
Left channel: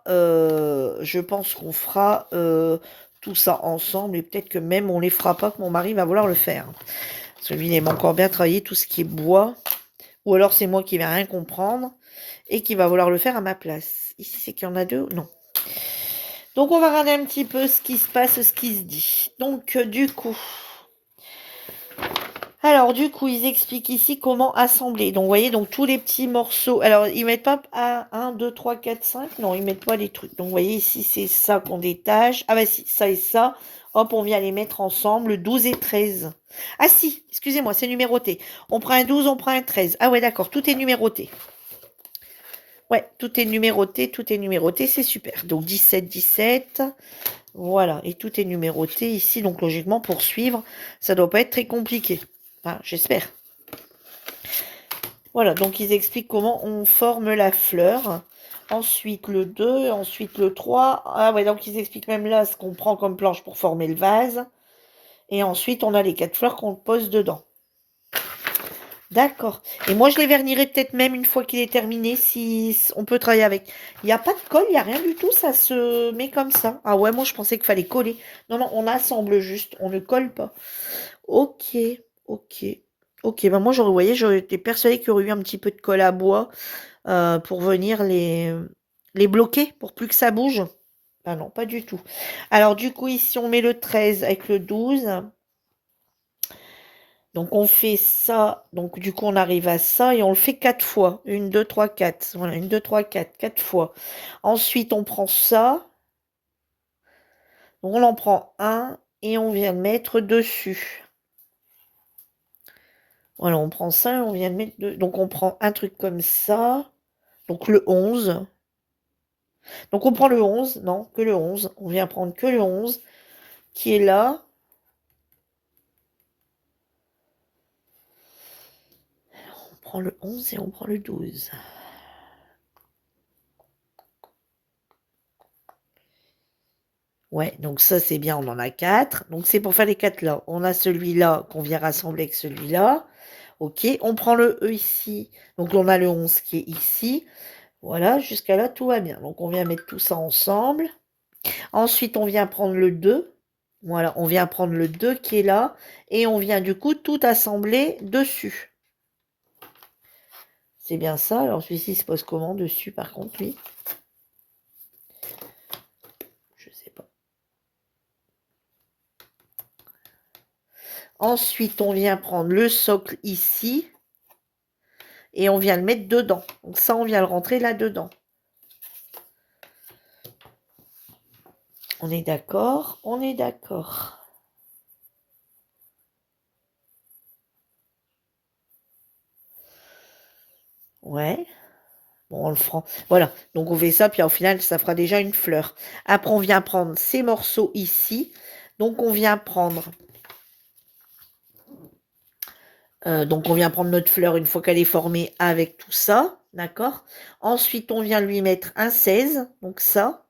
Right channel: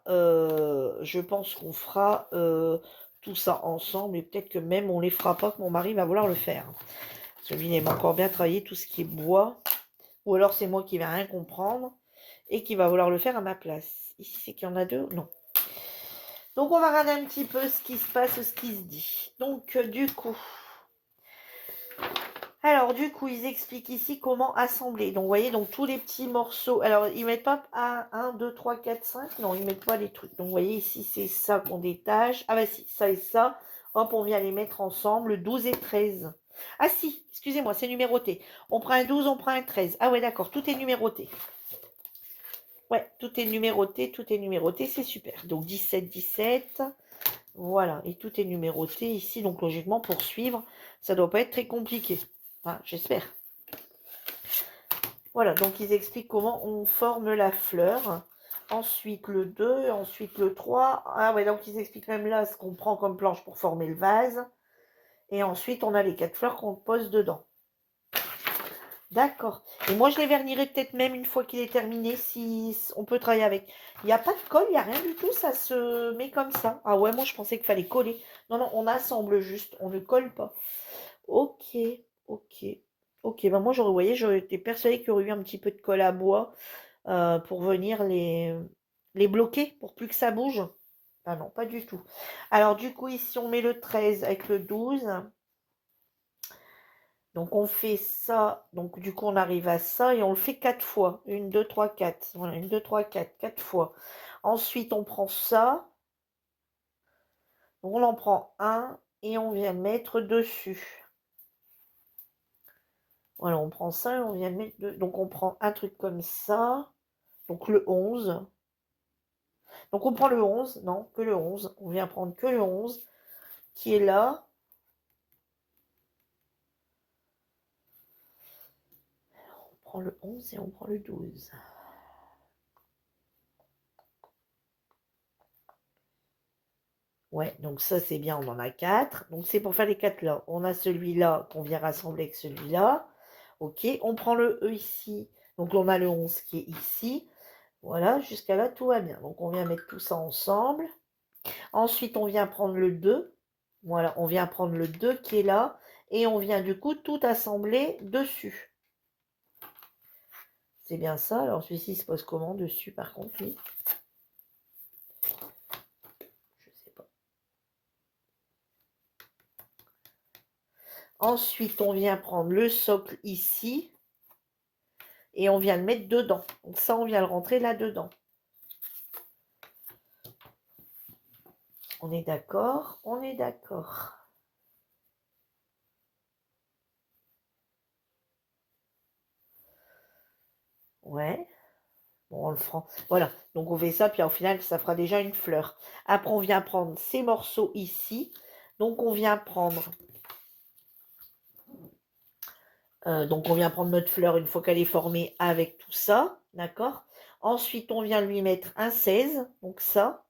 tout ça ensemble et peut-être que même on les fera pas, que mon mari va vouloir le faire. Parce que lui, il aime encore bien travailler tout ce qui est bois. Ou alors c'est moi qui vais rien comprendre et qui va vouloir le faire à ma place. Ici, c'est qu'il y en a deux? Non. Donc on va regarder un petit peu ce qui se passe, ce qui se dit. Donc du coup... Alors, du coup, ils expliquent ici comment assembler. Donc, vous voyez, donc tous les petits morceaux. Alors, ils mettent pas 1, 2, 3, 4, 5. Non, ils mettent pas les trucs. Donc, vous voyez, ici, c'est ça qu'on détache. Ah, bah si, ça et ça. Hop, on vient les mettre ensemble, 12 et 13. Ah si, excusez-moi, c'est numéroté. On prend un 12, on prend un 13. Ah ouais, d'accord, tout est numéroté. Ouais, tout est numéroté, c'est super. Donc 17, 17, voilà, et tout est numéroté ici. Donc logiquement, pour suivre, ça doit pas être très compliqué. Enfin, j'espère. Voilà, donc ils expliquent comment on forme la fleur. Ensuite le 2, ensuite le 3. Ah ouais, donc ils expliquent même là ce qu'on prend comme planche pour former le vase. Et ensuite, on a les 4 fleurs qu'on pose dedans. D'accord. Et moi, je les vernirai peut-être même une fois qu'il est terminé, si on peut travailler avec. Il n'y a pas de colle, il n'y a rien du tout, ça se met comme ça. Ah ouais, moi, je pensais qu'il fallait coller. Non, non, on assemble juste, on ne colle pas. Ok, ok. Ok, ben moi, j'aurais été persuadée qu'il y aurait eu un petit peu de colle à bois pour venir les bloquer, pour plus que ça bouge. Ah non, pas du tout. Alors, du coup, ici, on met le 13 avec le 12. Donc on fait ça, donc du coup on arrive à ça et on le fait 4 fois. 1, 2, 3, 4. Voilà, 1, 2, 3, 4, 4 fois. Ensuite on prend ça, on en prend un et on vient le mettre dessus. Voilà, on prend ça et on vient le mettre donc on prend un truc comme ça, donc le 11. Donc on prend le 11, non, que le 11. On vient prendre que le 11 qui est là. On prend le 11 et on prend le 12. Ouais, donc ça c'est bien, on en a 4. Donc c'est pour faire les 4 là. On a celui-là qu'on vient rassembler avec celui-là. Ok, on prend le E ici. Donc on a le 11 qui est ici. Voilà, jusqu'à là tout va bien. Donc on vient mettre tout ça ensemble. Ensuite on vient prendre le 2. Voilà, on vient prendre le 2 qui est là. Et on vient du coup tout assembler dessus. C'est bien ça. Alors celui-ci se pose comment dessus par contre, lui? Je sais pas. Ensuite, on vient prendre le socle ici et on vient le mettre dedans. Donc ça, on vient le rentrer là-dedans. On est d'accord? On est d'accord. Ouais. Bon, on le fera. Voilà. Donc on fait ça, puis au final, ça fera déjà une fleur. Après, on vient prendre ces morceaux ici. Donc on vient prendre... donc on vient prendre notre fleur une fois qu'elle est formée avec tout ça. D'accord? Ensuite, on vient lui mettre un 16. Donc ça.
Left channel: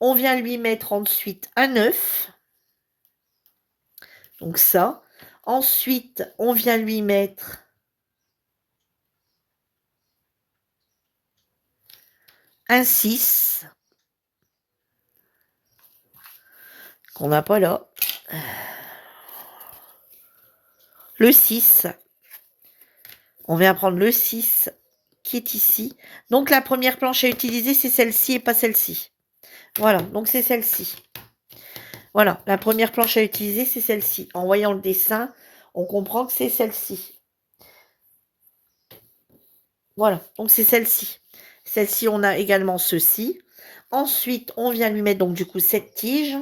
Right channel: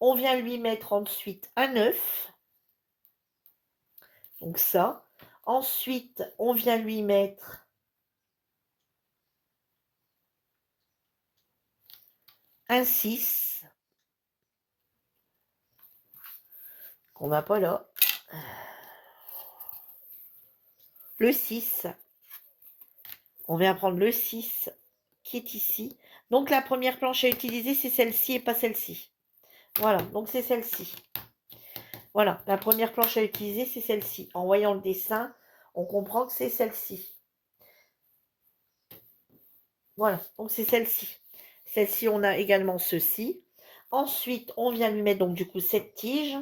On vient lui mettre ensuite un 9. Donc ça. Ensuite, on vient lui mettre un 6 qu'on n'a pas là. Le 6. On vient prendre le 6 qui est ici. Donc la première planche à utiliser, c'est celle-ci et pas celle-ci. Voilà, donc c'est celle-ci. Voilà, la première planche à utiliser, c'est celle-ci. En voyant le dessin, on comprend que c'est celle-ci. Voilà, donc c'est celle-ci. Celle-ci, on a également ceci. Ensuite, on vient lui mettre donc du coup cette tige.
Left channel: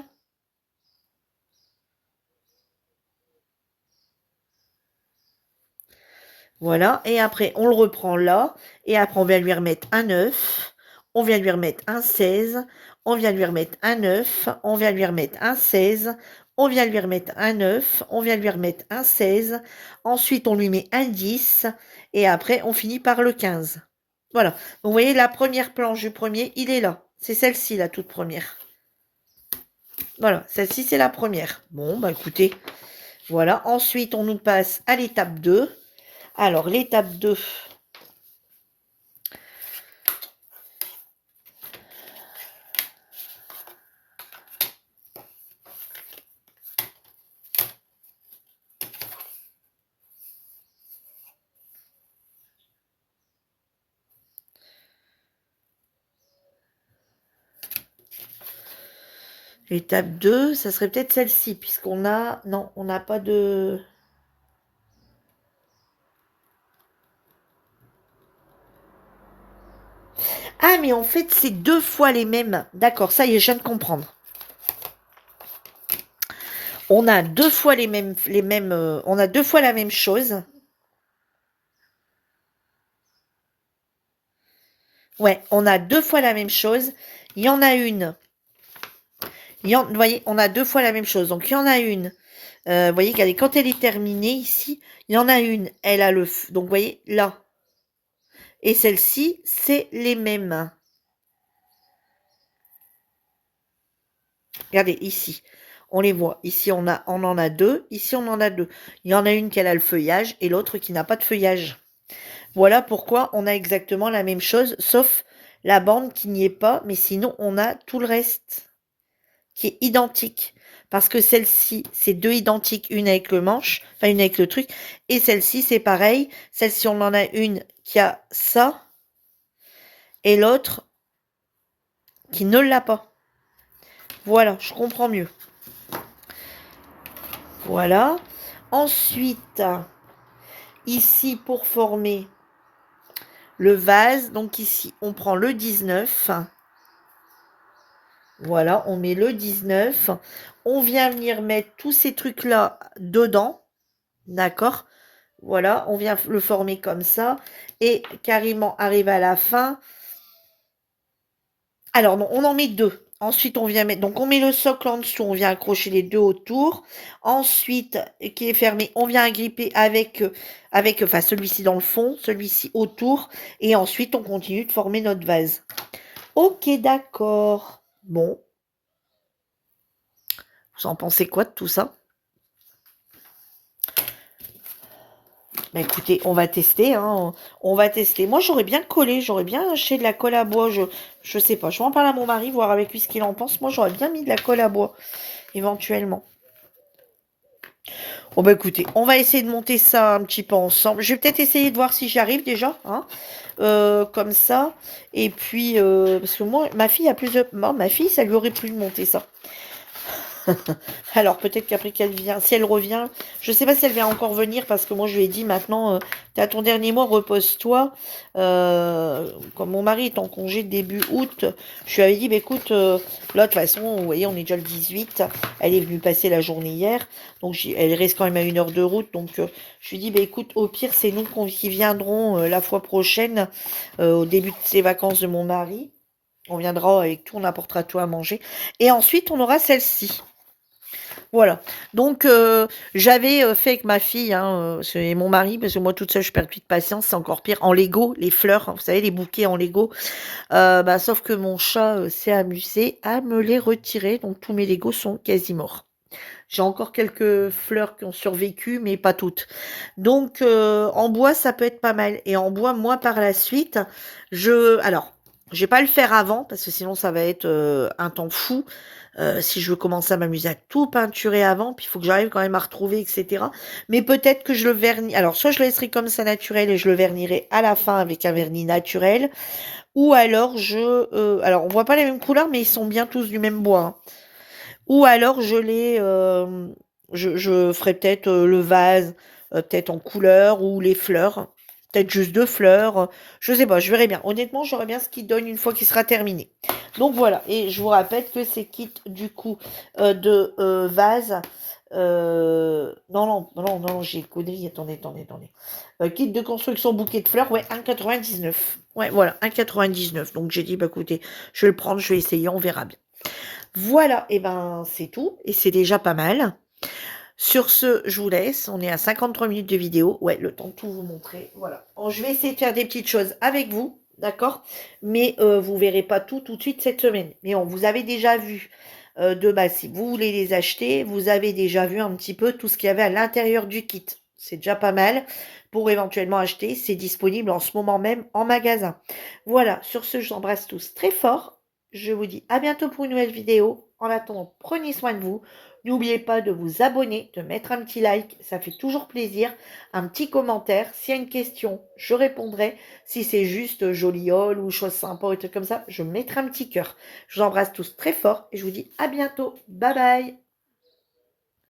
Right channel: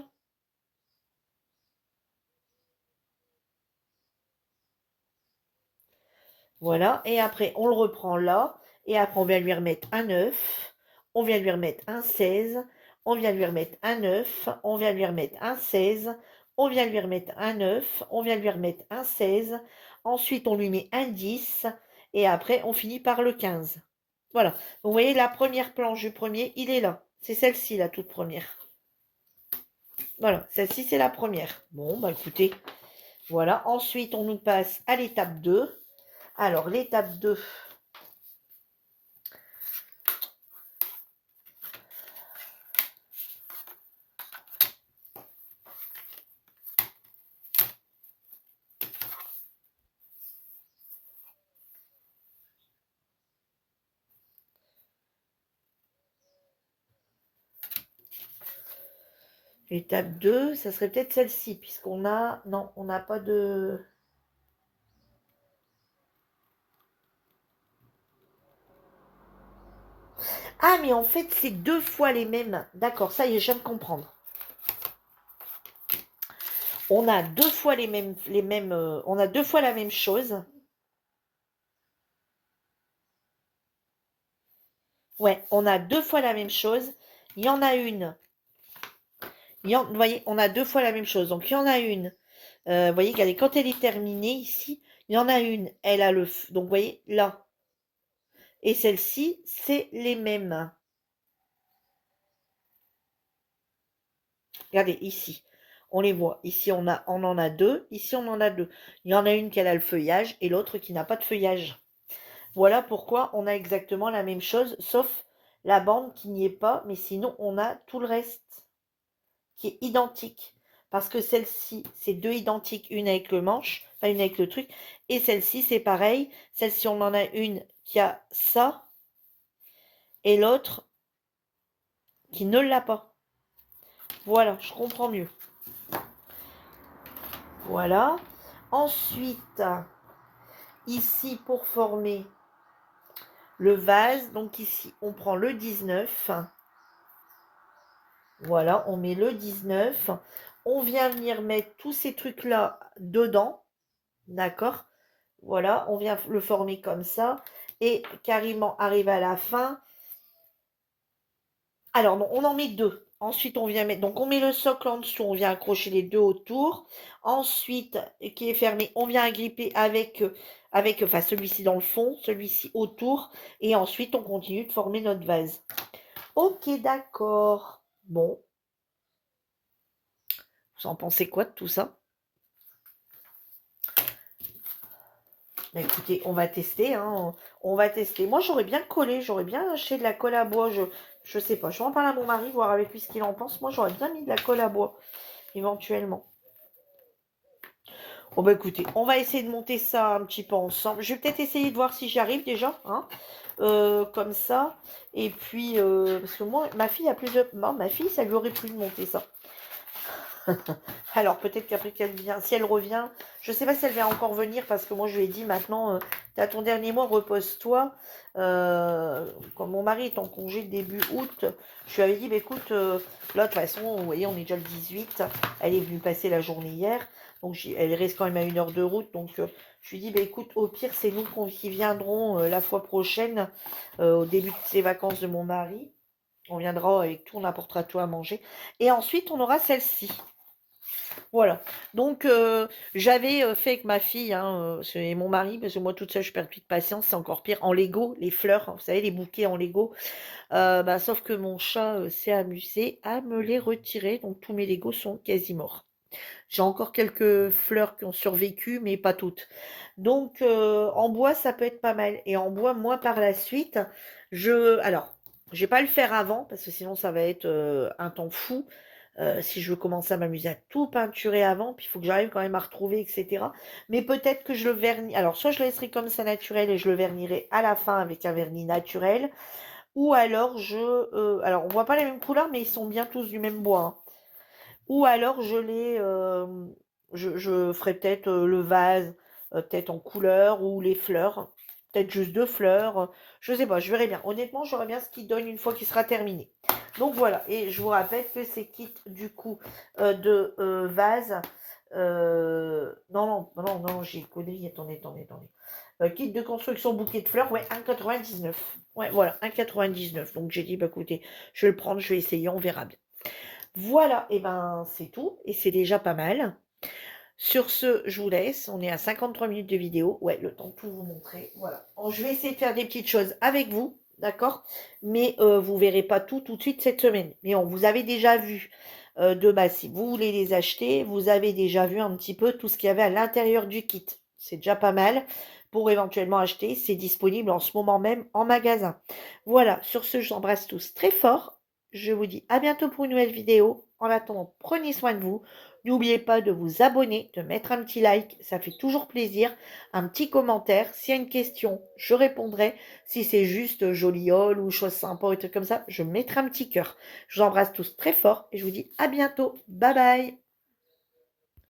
Voilà, et après, on le reprend là. Et après, on vient lui remettre un 9. On vient lui remettre un 16. On vient lui remettre un 9. On vient lui remettre un 16. On vient lui remettre un 9. On vient lui remettre un 16. Ensuite, on lui met un 10. Et après, on finit par le 15. Voilà. Vous voyez, la première planche du premier, il est là. C'est celle-ci, la toute première. Voilà, celle-ci, c'est la première. Bon, bah écoutez, voilà. Ensuite, on nous passe à l'étape 2. Alors, l'étape 2, l'étape 2, ça serait peut-être celle-ci, puisqu'on a... Non, on n'a pas de... Ah, mais en fait, c'est 2 fois les mêmes. D'accord, ça y est, je viens de comprendre. On a deux fois on a deux fois la même chose. Ouais, on a deux fois la même chose. Il y en a une. Vous voyez, on a deux fois la même chose. Donc, il y en a une. Vous voyez, regardez, quand elle est terminée ici, il y en a une. Elle a donc, vous voyez, là. Et celle-ci, c'est les mêmes. Regardez, ici. On les voit. Ici, on en a deux. Ici, on en a deux. Il y en a une qui a le feuillage et l'autre qui n'a pas de feuillage. Voilà pourquoi on a exactement la même chose, sauf la bande qui n'y est pas. Mais sinon, on a tout le reste qui est identique. Parce que celle-ci, c'est deux identiques, une avec le manche, enfin une avec le truc, et celle-ci, c'est pareil. Celle-ci, on en a une qui a ça, et l'autre qui ne l'a pas. Voilà, je comprends mieux. Voilà. Ensuite, ici, pour former le vase, donc ici, on prend le 19. Voilà, on met le 19. On vient venir mettre tous ces trucs-là dedans. D'accord? Voilà, on vient le former comme ça. Et carrément, arrive à la fin. Alors, non, on en met deux. Ensuite, on vient mettre... Donc, on met le socle en dessous. On vient accrocher les deux autour. Ensuite, qui est fermé, on vient agripper avec enfin, celui-ci dans le fond, celui-ci autour. Et ensuite, on continue de former notre vase. Ok, d'accord. Bon. Vous en pensez quoi de tout ça? Bah, écoutez, on va tester, hein, on va tester. Moi, j'aurais bien collé, j'aurais bien acheté de la colle à bois. Je sais pas, je vais en parler à mon mari, voir avec lui ce qu'il en pense. Moi, j'aurais bien mis de la colle à bois, éventuellement. Bon, bah écoutez, on va essayer de monter ça un petit peu ensemble. Je vais peut-être essayer de voir si j'y arrive déjà, hein, comme ça. Et puis, parce que moi, ma fille a plus de... ma fille, ça lui aurait plu de monter ça. Alors peut-être qu'après qu'elle vient, si elle revient, je ne sais pas si elle va encore venir parce que moi je lui ai dit maintenant, tu as ton dernier mois, repose-toi. Comme mon mari est en congé début août, je lui avais dit, bah, écoute, là de toute façon, vous voyez, on est déjà le 18, elle est venue passer la journée hier, donc elle reste quand même à 1 heure de route, donc je lui ai dit, bah, écoute, au pire, c'est nous qui viendrons la fois prochaine, au début de ces vacances de mon mari. On viendra avec tout, on apportera tout à manger. Et ensuite, on aura celle-ci. Voilà. Donc, j'avais fait avec ma fille et mon mari, parce que moi toute seule, je perds plus de patience, c'est encore pire. En Lego, les fleurs, hein, vous savez, les bouquets en Lego. Bah, sauf que mon chat s'est amusé à me les retirer, donc tous mes Legos sont quasi morts. J'ai encore quelques fleurs qui ont survécu, mais pas toutes. Donc, en bois, ça peut être pas mal. Et en bois, moi, par la suite, alors, je vais pas le faire avant, parce que sinon, ça va être un temps fou. Si je veux commencer à m'amuser à tout peinturer avant, puis il faut que j'arrive quand même à retrouver, etc. Mais peut-être que je le vernis. Alors, soit je le laisserai comme ça naturel et je le vernirai à la fin avec un vernis naturel, ou alors alors, on voit pas les mêmes couleurs, mais ils sont bien tous du même bois, hein. Ou alors je ferai peut-être le vase, peut-être en couleur, ou les fleurs, peut-être juste 2 fleurs, je sais pas, je verrai bien. Honnêtement, je verrai bien ce qu'il donne une fois qu'il sera terminé. Donc voilà, et je vous rappelle que ces kits du coup de vase, non, non, non, non, j'ai connerie, attendez. Kit de construction bouquet de fleurs, ouais, 1,99. Ouais, voilà, 1,99. Donc j'ai dit, bah écoutez, je vais le prendre, je vais essayer, on verra bien. Voilà, et ben c'est tout, et c'est déjà pas mal. Sur ce, je vous laisse. On est à 53 minutes de vidéo. Ouais, le temps de tout vous montrer. Voilà. Bon, je vais essayer de faire des petites choses avec vous, d'accord? Mais vous verrez pas tout de suite cette semaine. Mais on vous avez déjà vu de base. Si vous voulez les acheter, vous avez déjà vu un petit peu tout ce qu'il y avait à l'intérieur du kit. C'est déjà pas mal pour éventuellement acheter. C'est disponible en ce moment même en magasin. Voilà, sur ce, je vous embrasse tous très fort. Je vous dis à bientôt pour une nouvelle vidéo. En attendant, prenez soin de vous. N'oubliez pas de vous abonner, de mettre un petit like, ça fait toujours plaisir. Un petit commentaire. S'il y a une question, je répondrai. Si c'est juste joliole ou chose sympa ou des trucs comme ça, je mettrai un petit cœur. Je vous embrasse tous très fort et je vous dis à bientôt. Bye bye.